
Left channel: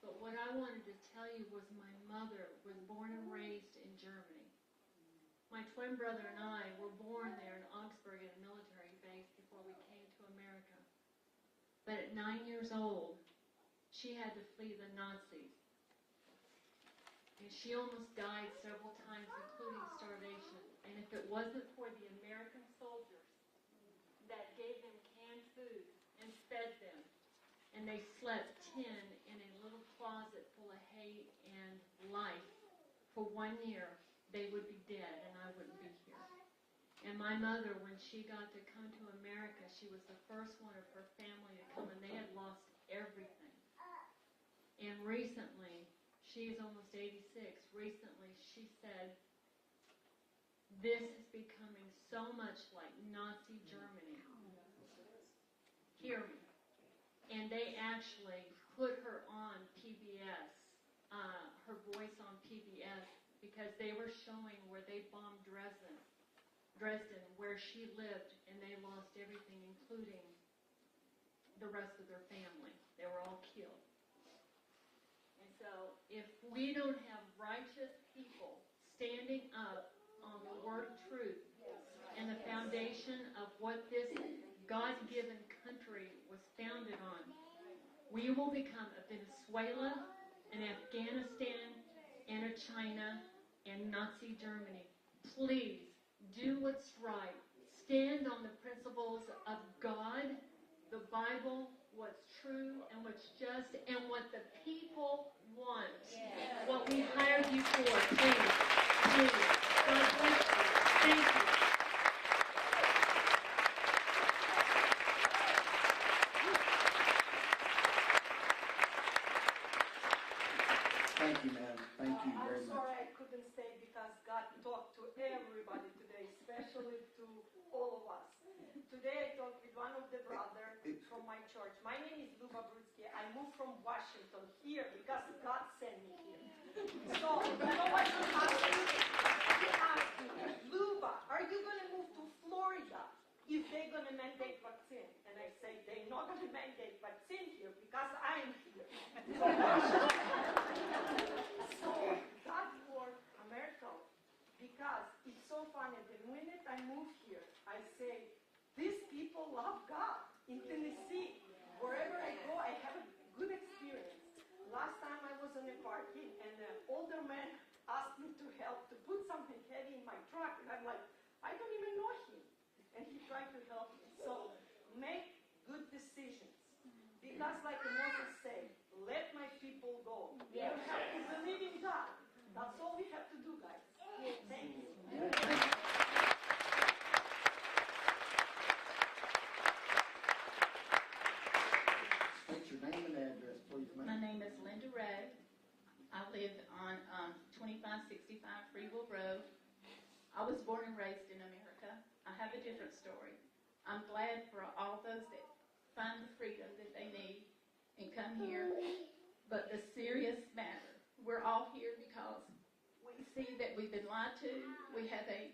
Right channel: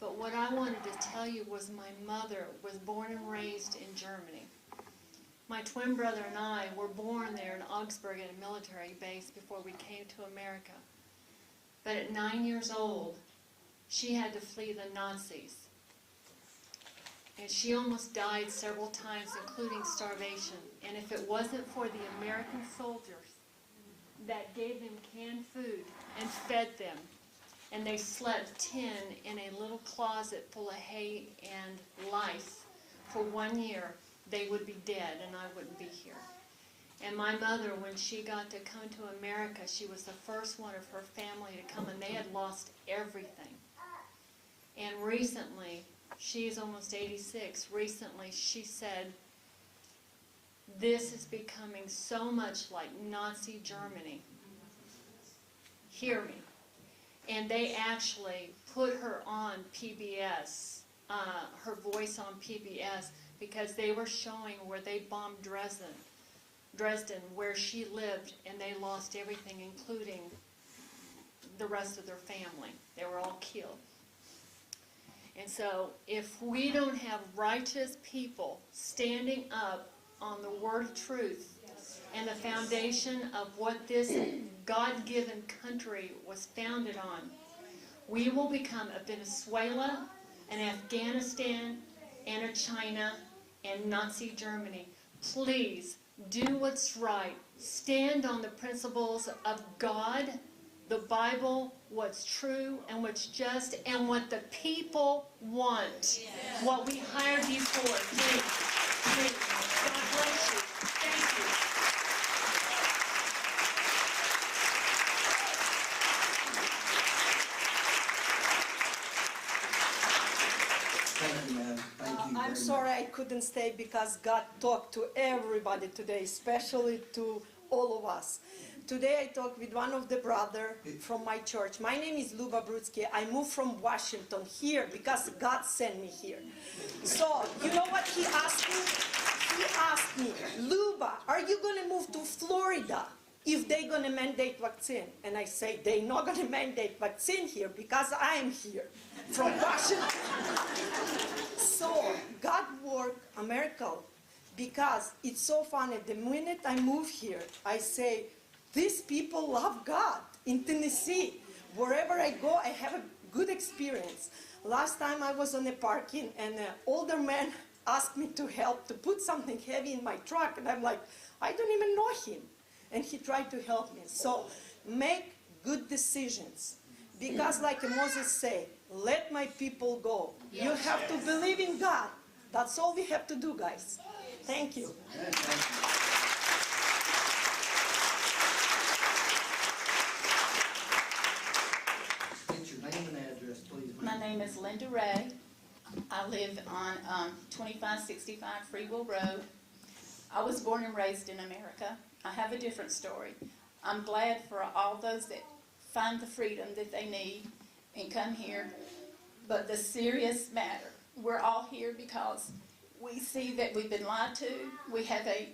But what I wanted to tell you was my mother was born and raised in Germany. My twin brother and I were born there in Augsburg at a military base before we came to America. But at 9 years old, she had to flee the Nazis. And she almost died several times, including starvation. And if it wasn't for the American soldiers that gave them canned food and fed them, and they slept 10 in a little closet full of hay and lice for 1 year, they would be dead and I wouldn't be here. And my mother, when she got to come to America, she was the first one of her family to come, and they had lost everything. And recently, she's almost 86, recently she said, this is becoming so much like Nazi Germany. Hear me. And they actually put her on PBS, her voice on PBS, because they were showing where they bombed Dresden, where she lived, and they lost everything, including the rest of their family. They were all killed. And so if we don't have righteous people standing up on the word of truth and the foundation of what this God-given country was founded on, we will become a Venezuela, an Afghanistan, and a China, and Nazi Germany. Please do what's right. Stand on the principles of God, the Bible, what's true and what's just, and what the people want. What we hired you for. Please. Please. God bless you. Thank you. Thank you, ma'am. Thank you very I'm much. sorry I couldn't stay because God talked to everybody today, especially to all of us. Today I talked with one of the brothers from my church. My name is Luba Brutsky. I moved from Washington here because God sent me here. So, you know what he asked me? He asked me, Luba, are you going to move to Florida if they're going to mandate vaccine? And I say, they're not going to mandate vaccine here because I'm here from Washington. So, God worked a miracle because it's so funny. The minute I move here, I say, these people love God in Tennessee. Wherever I go, I have a good experience. Last time I was on a parking and an older man asked me to help to put something heavy in my truck, and I'm like, I don't even know him. And he tried to help me. So make good decisions. Because like Moses said, let my people go. You have to believe in God. That's all we have to do, guys. Thank you. State your name and address, please, ma'am. My name is Linda Ray. I live on 2565 Freewell Road. I was born and raised in America. I have a different story. I'm glad for all those that find the freedom that they need and come here. But the serious matter, we're all here because we see that we've been lied to. We have a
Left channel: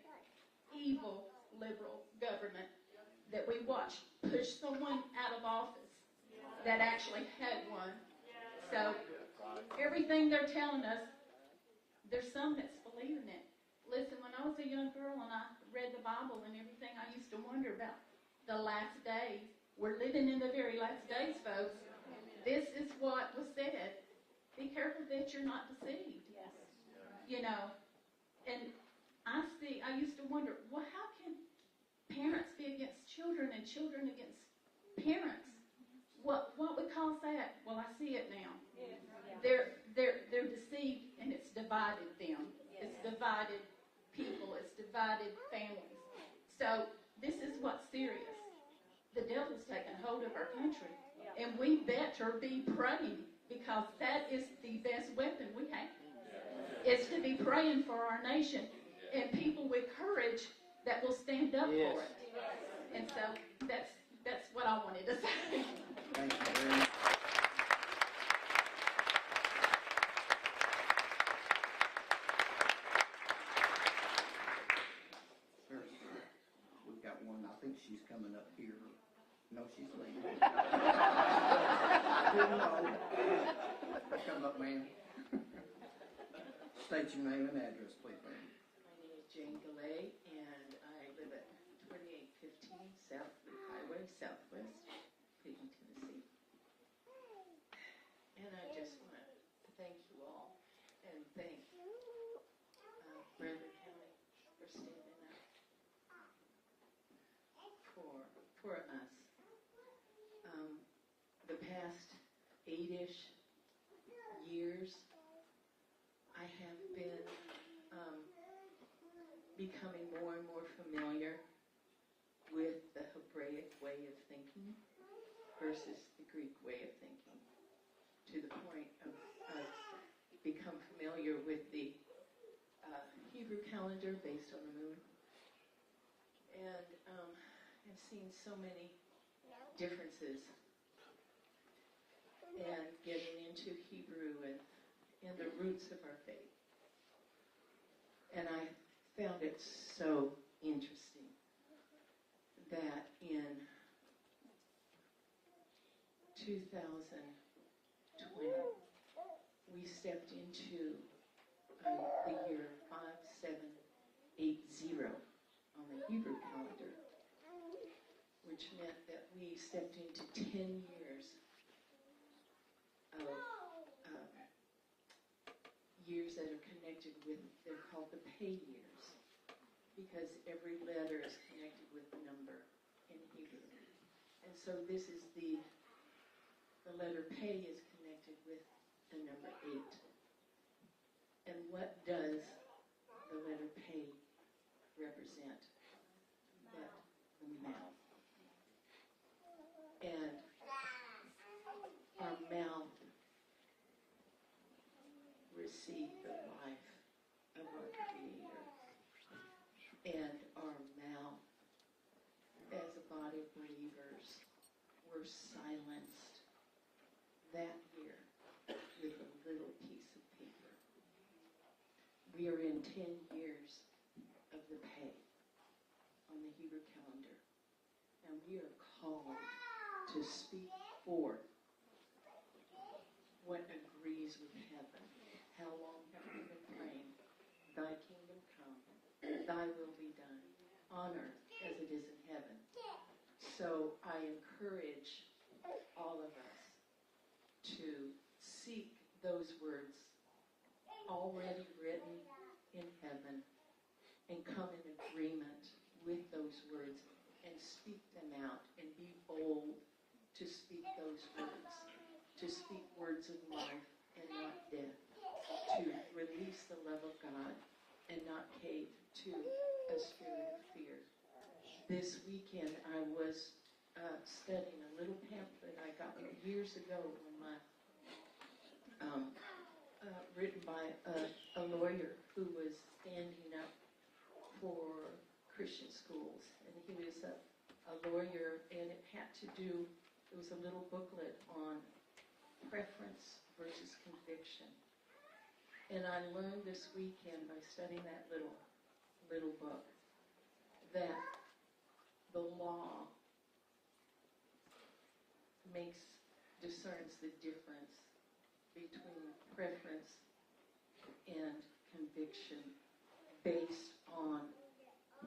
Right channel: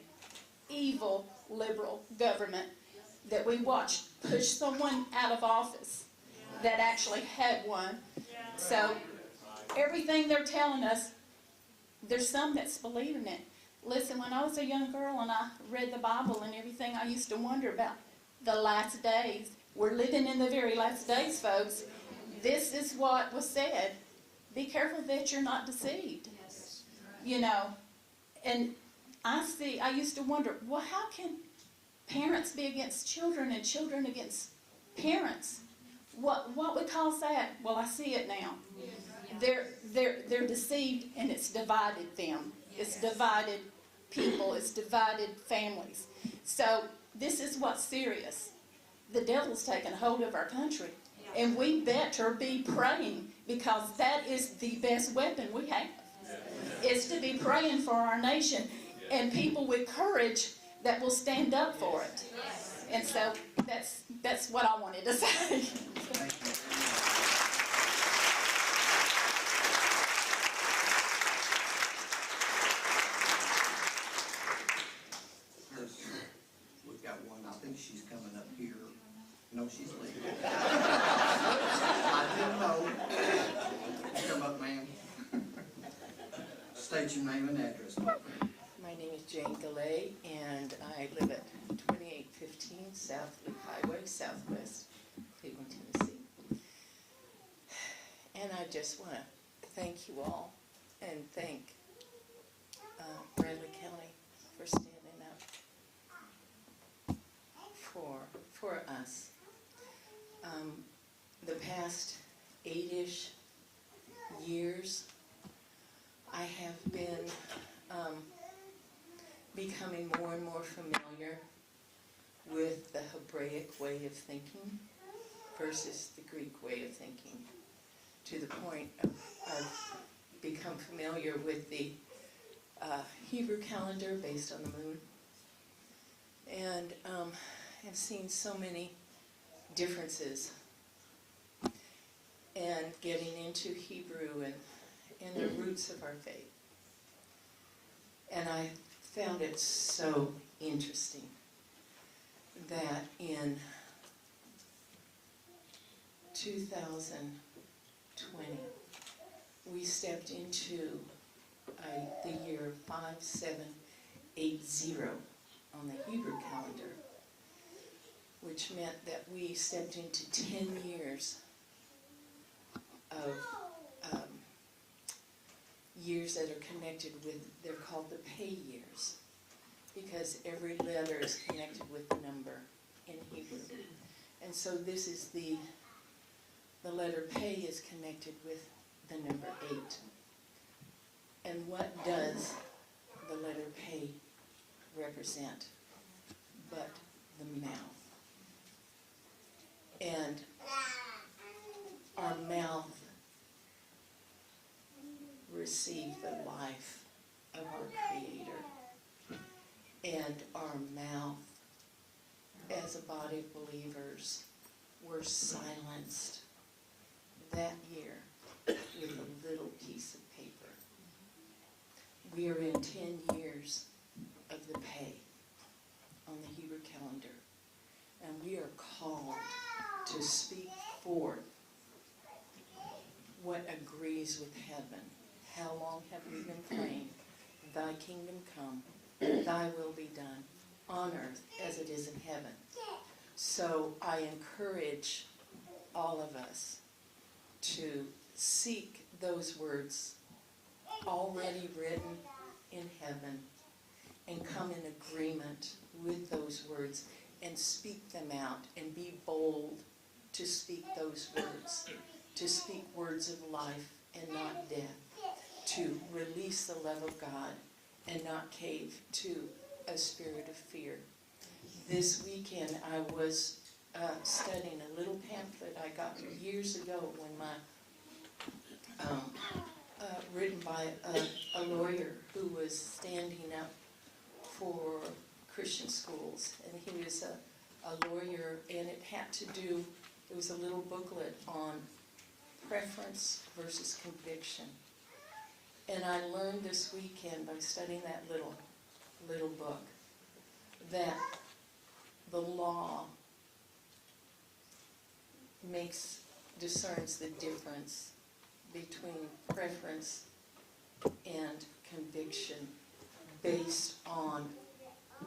evil liberal government that we watched push someone out of office that actually had one. So everything they're telling us, there's some that's believing it. Listen, when I was a young girl and I read the Bible and everything, I used to wonder about the last days. We're living in the very last days, folks. This is what was said. Be careful that you're not deceived. Yes. You know, and I used to wonder, well, how can parents be against children and children against parents, what we call that? Well, I see it now. They're deceived, and it's divided them. It's divided people. It's divided families. So this is what's serious. The devil's taken hold of our country, and we better be praying, because that is the best weapon we have. Is to be praying for our nation and people with courage that will stand up for it. And so that's what I wanted to say. Thank you very much. We've got one, I think she's coming up here. No, she's leaving. I didn't know. Come up, ma'am. State your name and address. My name is Jane Gallet, and I live at 2815 South Lee Highway, Southwest Cleveland, Tennessee. And I just want to thank you all, and thank Bradley County for standing up for us. The past 8-ish years, I have been becoming more and more familiar with the Hebraic way of thinking versus the Greek way of thinking, to the point of become familiar with the Hebrew calendar based on the moon, and have seen so many differences, and getting into Hebrew and the roots of our faith. And I found it so interesting that in 2020, we stepped into the year 5780 on the Hebrew calendar, which meant that we stepped into 10 years of years that are connected with, they're called the pay years, because every letter is connected with the number in Hebrew. And so this is the letter pay is connected with the number 8. And what does the letter pay represent but the mouth? And our mouth receive the life of our Creator, and our mouth, as a body of believers, were silenced that year with a little piece of paper. We are in 10 years of the pay on the Hebrew calendar, and we are called to speak forth what agrees with heaven. How long have we been praying? Thy kingdom come, thy will be done on earth as it is in heaven. So I encourage all of us to seek those words already written in heaven and come in agreement with those words and speak them out, and be bold to speak those words, to speak words of life and not death, to release the love of God and not cave to a spirit of fear. This weekend I was studying a little pamphlet I got years ago when written by a lawyer who was standing up for Christian schools. And he was a lawyer, and it had to do, it was a little booklet on preference versus conviction. And I learned this weekend by studying that little book that the law discerns the difference between preference and conviction based on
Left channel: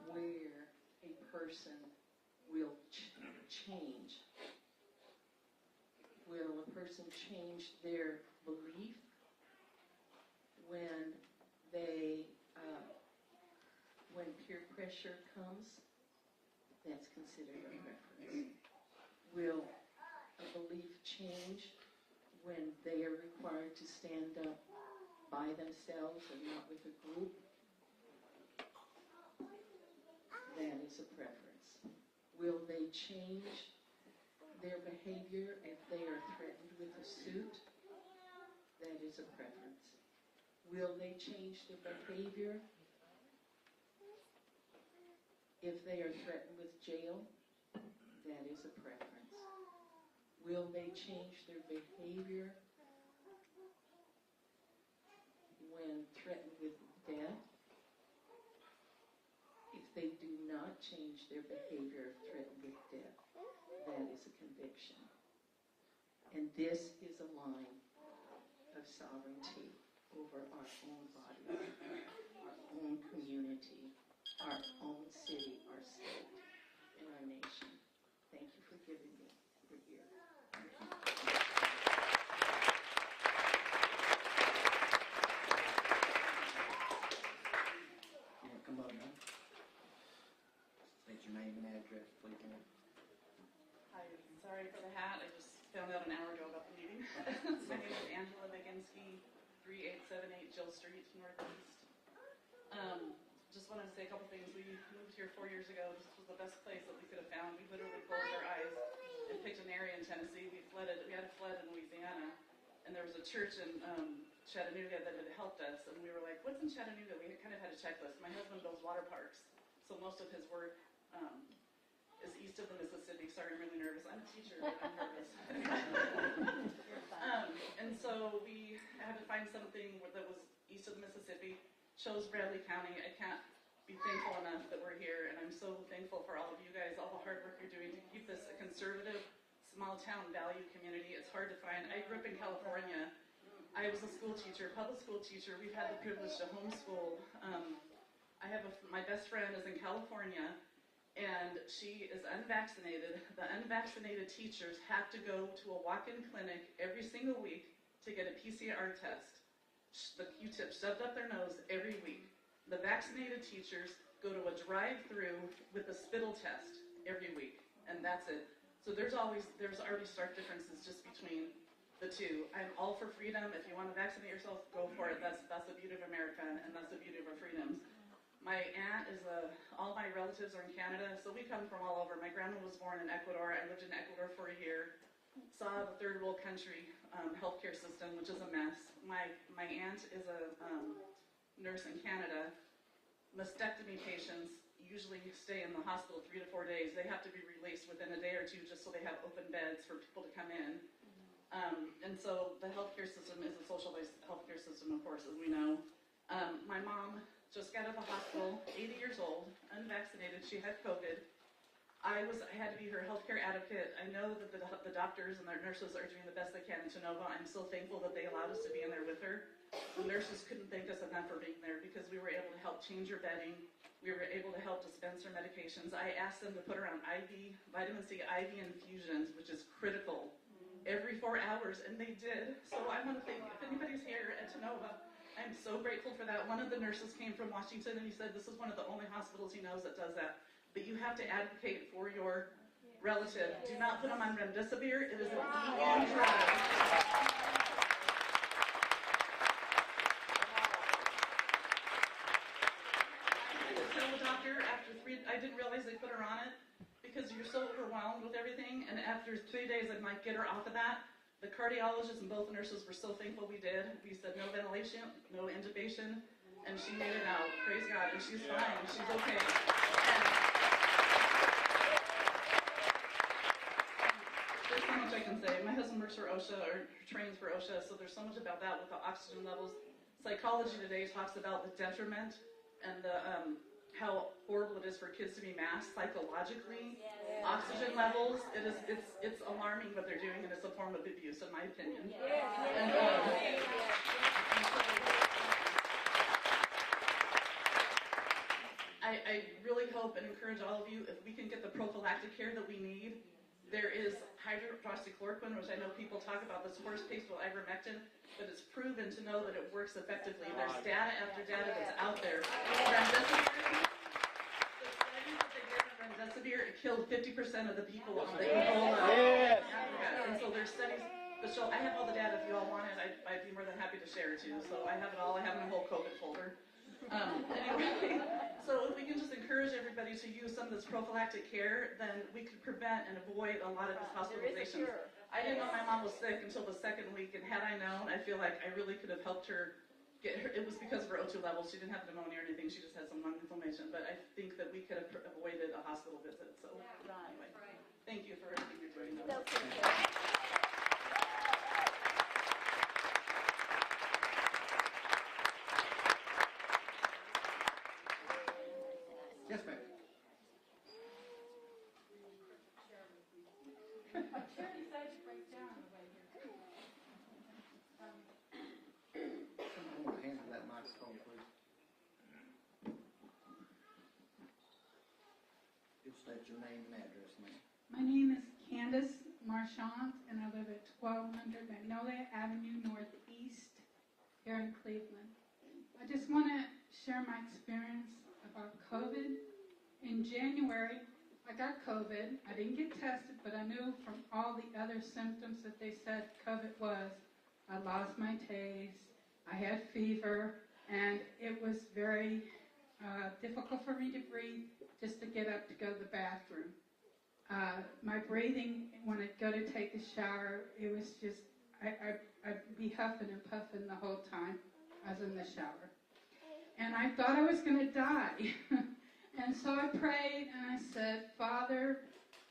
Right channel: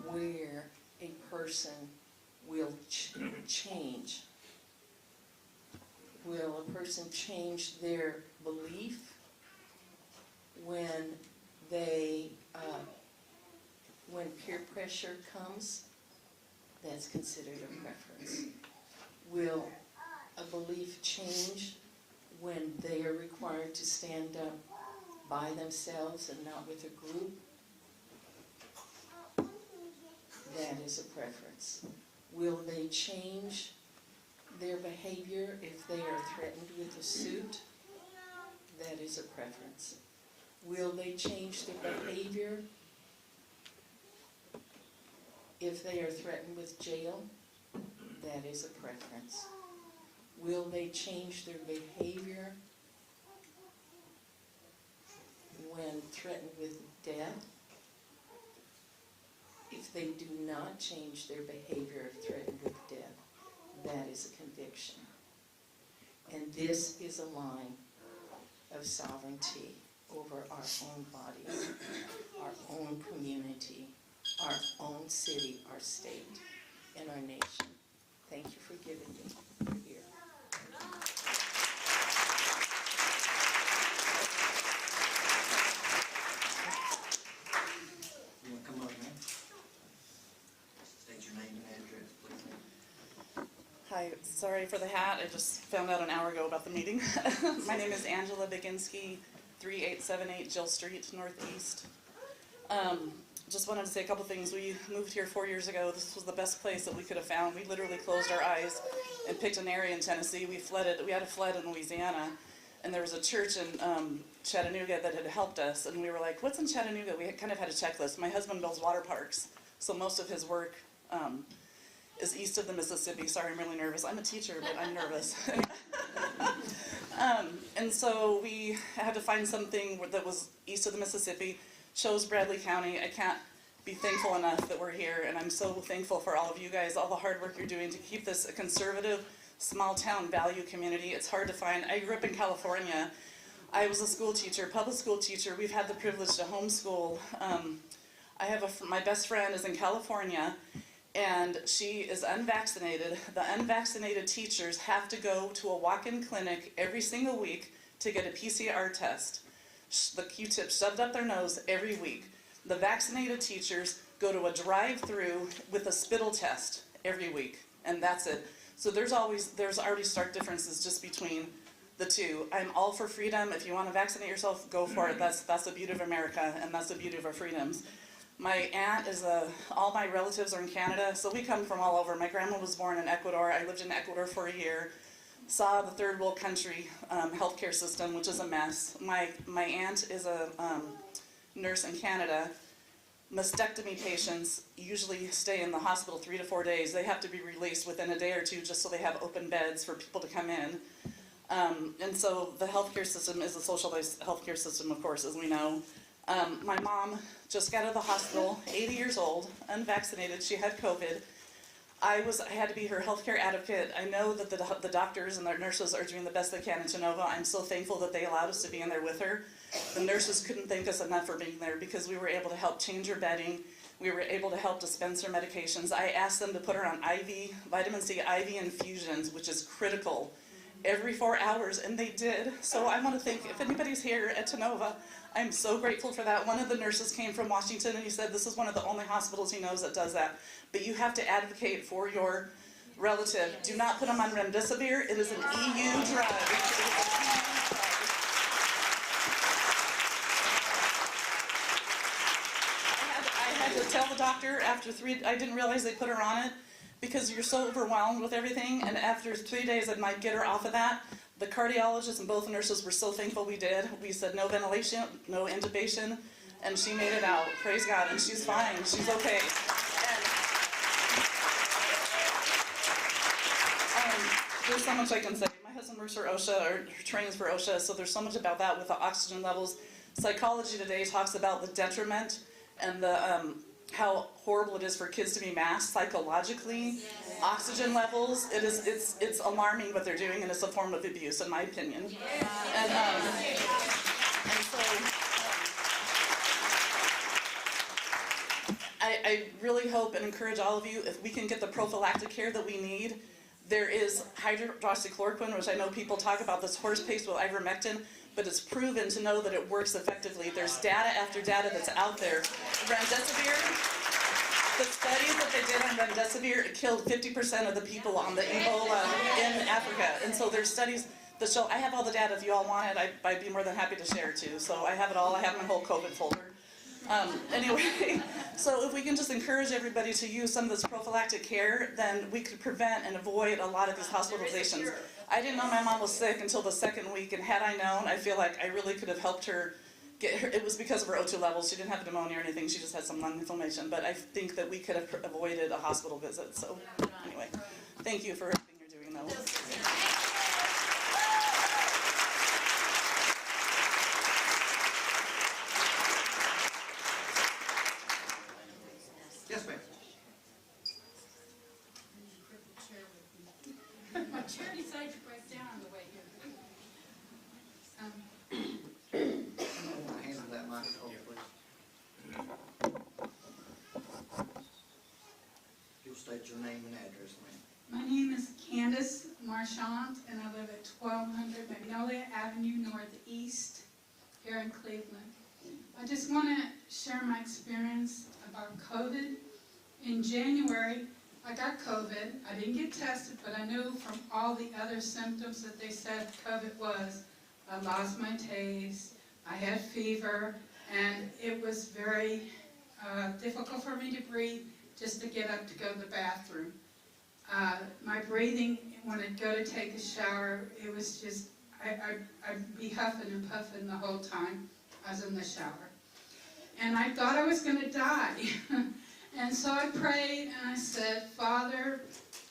where a person will change. Will a person change their belief when when peer pressure comes? That's considered a preference. Will a belief change when they are required to stand up by themselves and not with a group? That is a preference. Will they change their behavior if they are threatened with a suit? That is a preference. Will they change their behavior if they are threatened with jail? That is a preference. Will they change their behavior when threatened with death? If they do not change their behavior if threatened with death, that is a conviction. And this is a line of sovereignty over our own bodies, our own community, our own city, our state, and our nation. Thank you for giving me your ear. You wanna come up, man? State your name and address, please. Hi, sorry for the hat. I just found out an hour ago about the meeting. My name is Angela Biginski, 3878 Jill Street, Northeast. Just wanted to say a couple things. We moved here 4 years ago. This was the best place that we could have found. We literally closed our eyes and picked an area in Tennessee. We had a flood in Louisiana, and there was a church in Chattanooga that had helped us, and we were like, what's in Chattanooga? We kind of had a checklist. My husband builds water parks, so most of his work is east of the Mississippi. Sorry, I'm really nervous. I'm a teacher, but I'm nervous. And so we had to find something that was east of the Mississippi, chose Bradley County. I can't be thankful enough that we're here, and I'm so thankful for all of you guys, all the hard work you're doing to keep this a conservative, small town value community. It's hard to find. I grew up in California. I was a school teacher, public school teacher. We've had the privilege to homeschool. I have my best friend is in California, and she is unvaccinated. The unvaccinated teachers have to go to a walk-in clinic every single week to get a PCR test. The Q-tip shoved up their nose every week. The vaccinated teachers go to a drive-through with a spittle test every week, and that's it. So there's already stark differences just between the two. I'm all for freedom. If you want to vaccinate yourself, go for it. That's the beauty of America, and that's the beauty of our freedoms. My aunt all my relatives are in Canada, so we come from all over. My grandma was born in Ecuador. I lived in Ecuador for a year. Saw the third world country healthcare system, which is a mess. My aunt is a nurse in Canada. Mastectomy patients usually stay in the hospital 3 to 4 days. They have to be released within a day or two just so they have open beds for people to come in. And so the healthcare system is a socialized healthcare system, of course, as we know. My mom just got out of the hospital, 80 years old, unvaccinated. She had COVID. I had to be her healthcare advocate. I know that the doctors and the nurses are doing the best they can in Genova. I'm so thankful that they allowed us to be in there with her. The nurses couldn't thank us enough for being there because we were able to help change her bedding. We were able to help dispense her medications. I asked them to put her on vitamin C IV infusions, which is critical, every 4 hours, and they did. So I want to thank, if anybody's here at Genova, I'm so grateful for that. One of the nurses came from Washington, and he said this is one of the only hospitals he knows that does that. But you have to advocate for your relative. Do not put them on remdesivir. It is an EU drug. I had to tell the doctor after I didn't realize they put her on it because you're so overwhelmed with everything. And after 3 days, I might get her off of that. The cardiologist and both nurses were so thankful we did. We said no ventilation, no intubation, and she made it out. Praise God, and she's fine. She's okay. There's so much I can say. My husband works for OSHA, or trains for OSHA, so there's so much about that with the oxygen levels. Psychology today talks about the detriment and the how horrible it is for kids to be masked psychologically. Yes. Oxygen levels, it's alarming what they're doing, and it's a form of abuse, in my opinion. Yes. And so, I really hope and encourage all of you, if we can get the prophylactic care that we need. There is hydroxychloroquine, which I know people talk about, this horse paste with ivermectin, but it's proven to know that it works effectively. There's data after data that's out there. Remdesivir, the studies that they did on remdesivir severe, it killed 50% of the people on the Ebola in Africa. And so there's studies that show, I have all the data if you all want it, I'd be more than happy to share too. So I have it all, I have my whole COVID folder. Anyway, so if we can just encourage everybody to use some of this prophylactic care, then we could prevent and avoid a lot of these hospitalizations. I didn't know my mom was sick until the second week, and had I known, I feel like I really could have helped her get her. It was because of her O2 levels. She didn't have pneumonia or anything, she just had some lung inflammation, but I think that we could have avoided a hospital visit. So anyway, thank you for everything you're doing though. Yes, ma'am. My chair decided to break down on the way here. Handle that microphone, please. You'll state your name and address, ma'am. My name is Candace Marchant, and I live at 1200 Magnolia Avenue Northeast here in Cleveland. I just want to share my experience about COVID. In January, I got COVID. I didn't get tested, but I knew from all the other symptoms that they said COVID was. I lost my taste, I had fever, and it was very difficult for me to breathe just to get up to go to the bathroom. My breathing, when I'd go to take a shower, it was just, I'd be huffing and puffing the whole time I was in the shower. And I thought I was going to die. And so I prayed and I said, Father,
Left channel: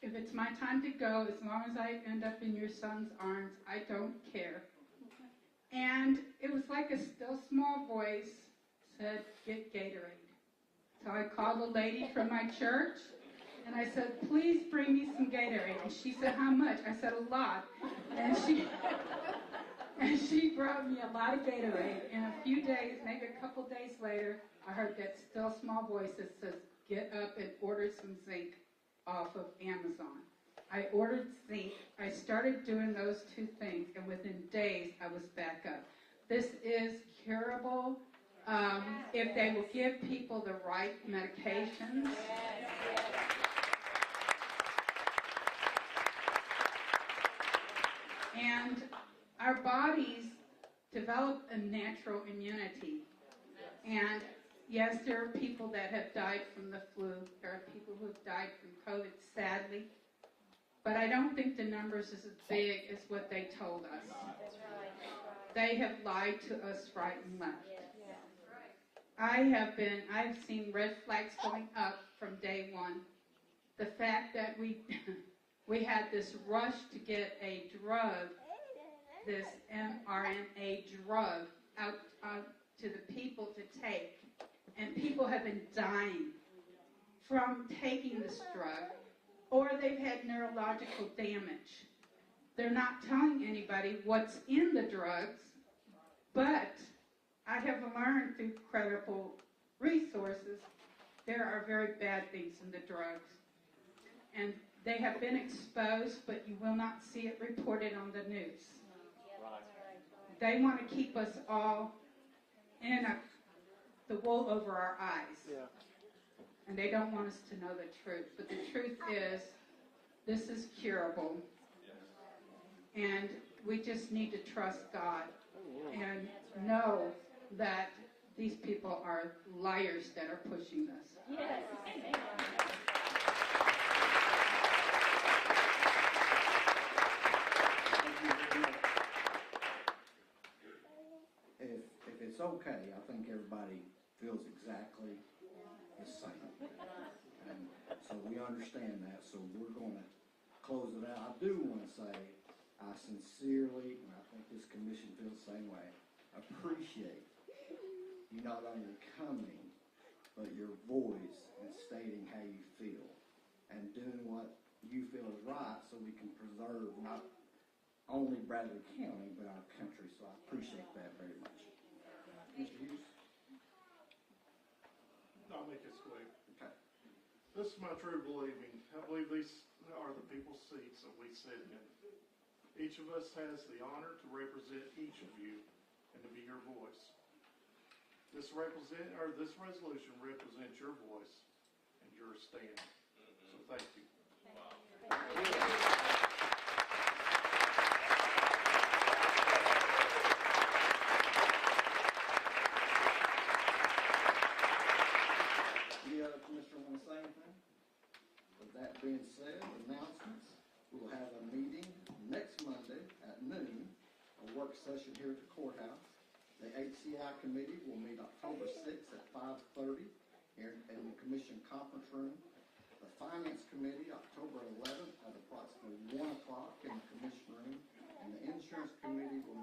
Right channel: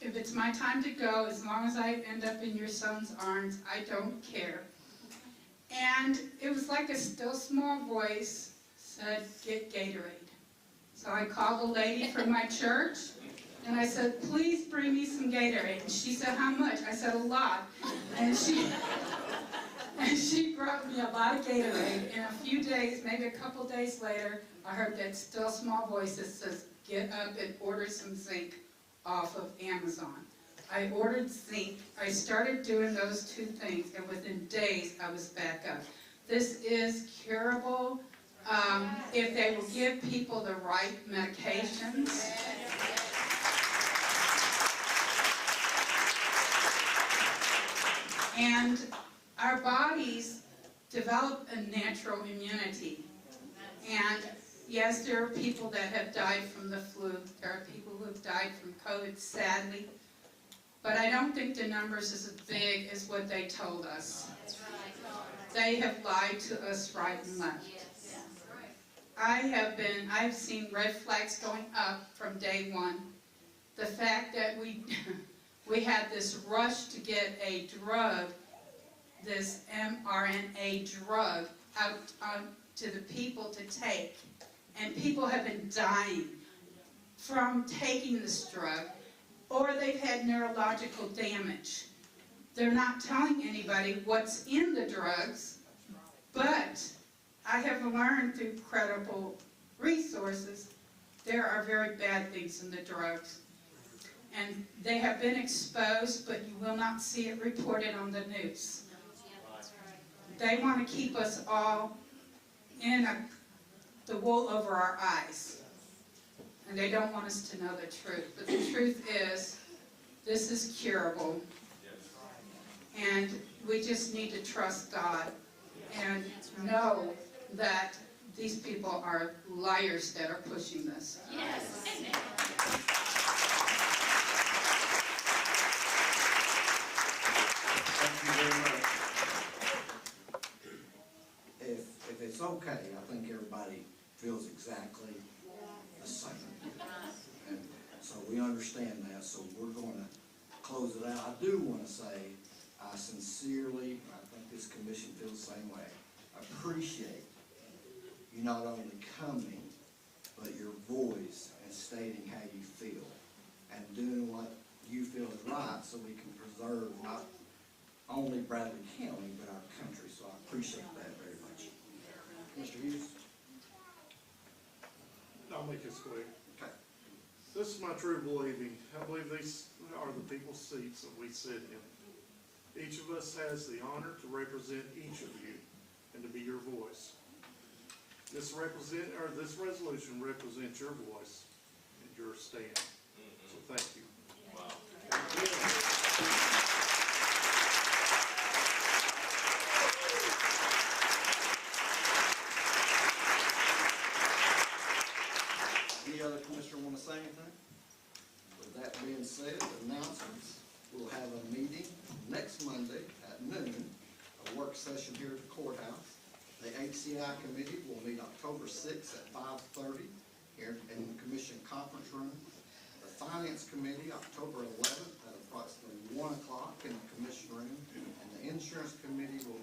if it's my time to go, as long as I end up in your son's arms, I don't care. And it was like a still small voice said, get Gatorade. So I called a lady from my church and I said, please bring me some Gatorade. And she said, how much? I said, a lot. And she brought me a lot of Gatorade. In a few days, maybe a couple days later, I heard that still small voice that says, get up and order some zinc off of Amazon. I ordered zinc. I started doing those two things, and within days, I was back up. This is curable if they will give people the right medications. And our bodies develop a natural immunity. And yes, there are people that have died from the flu. There are people who have died from COVID, sadly. But I don't think the numbers is as big as what they told us. They have lied to us right and left. I've seen red flags going up from day one. The fact that we had this rush to get a drug, this mRNA drug, out to the people to take. And people have been dying from taking this drug, or they've had neurological damage. They're not telling anybody what's in the drugs, but I have learned through credible resources there are very bad things in the drugs. And they have been exposed, but you will not see it reported on the news. They want to keep us all in the wool over our eyes. And they don't want us to know the truth. But the truth is, this is curable. And we just need to trust God and know that these people are liars that are pushing this. Yes. Thank you very much. If it's okay, I think everybody feels exactly the same. And so we understand that, so we're going to close it out. I do want to say, I sincerely, I think this commission feels the same way, appreciate you not only coming, but your voice and stating how you feel and doing what you feel is right so we can preserve not only Bradley County, but our country. So I appreciate that very much. Mr. Hughes? I'll make this quick. Okay. This is my true believing. I believe these are the people's seats that we sit in. Each of us has the honor to represent each of you and to be your voice. This resolution represents your voice and your stand. So thank you. Any other commissioner want to say anything? With that being said, announcements, we'll have a meeting next Monday at noon, a work session here at the courthouse. The HCI committee will meet October 6th at 5:30 here in the commission conference room. The finance committee, October 11th at approximately 1 o'clock in the commission room. And the insurance committee will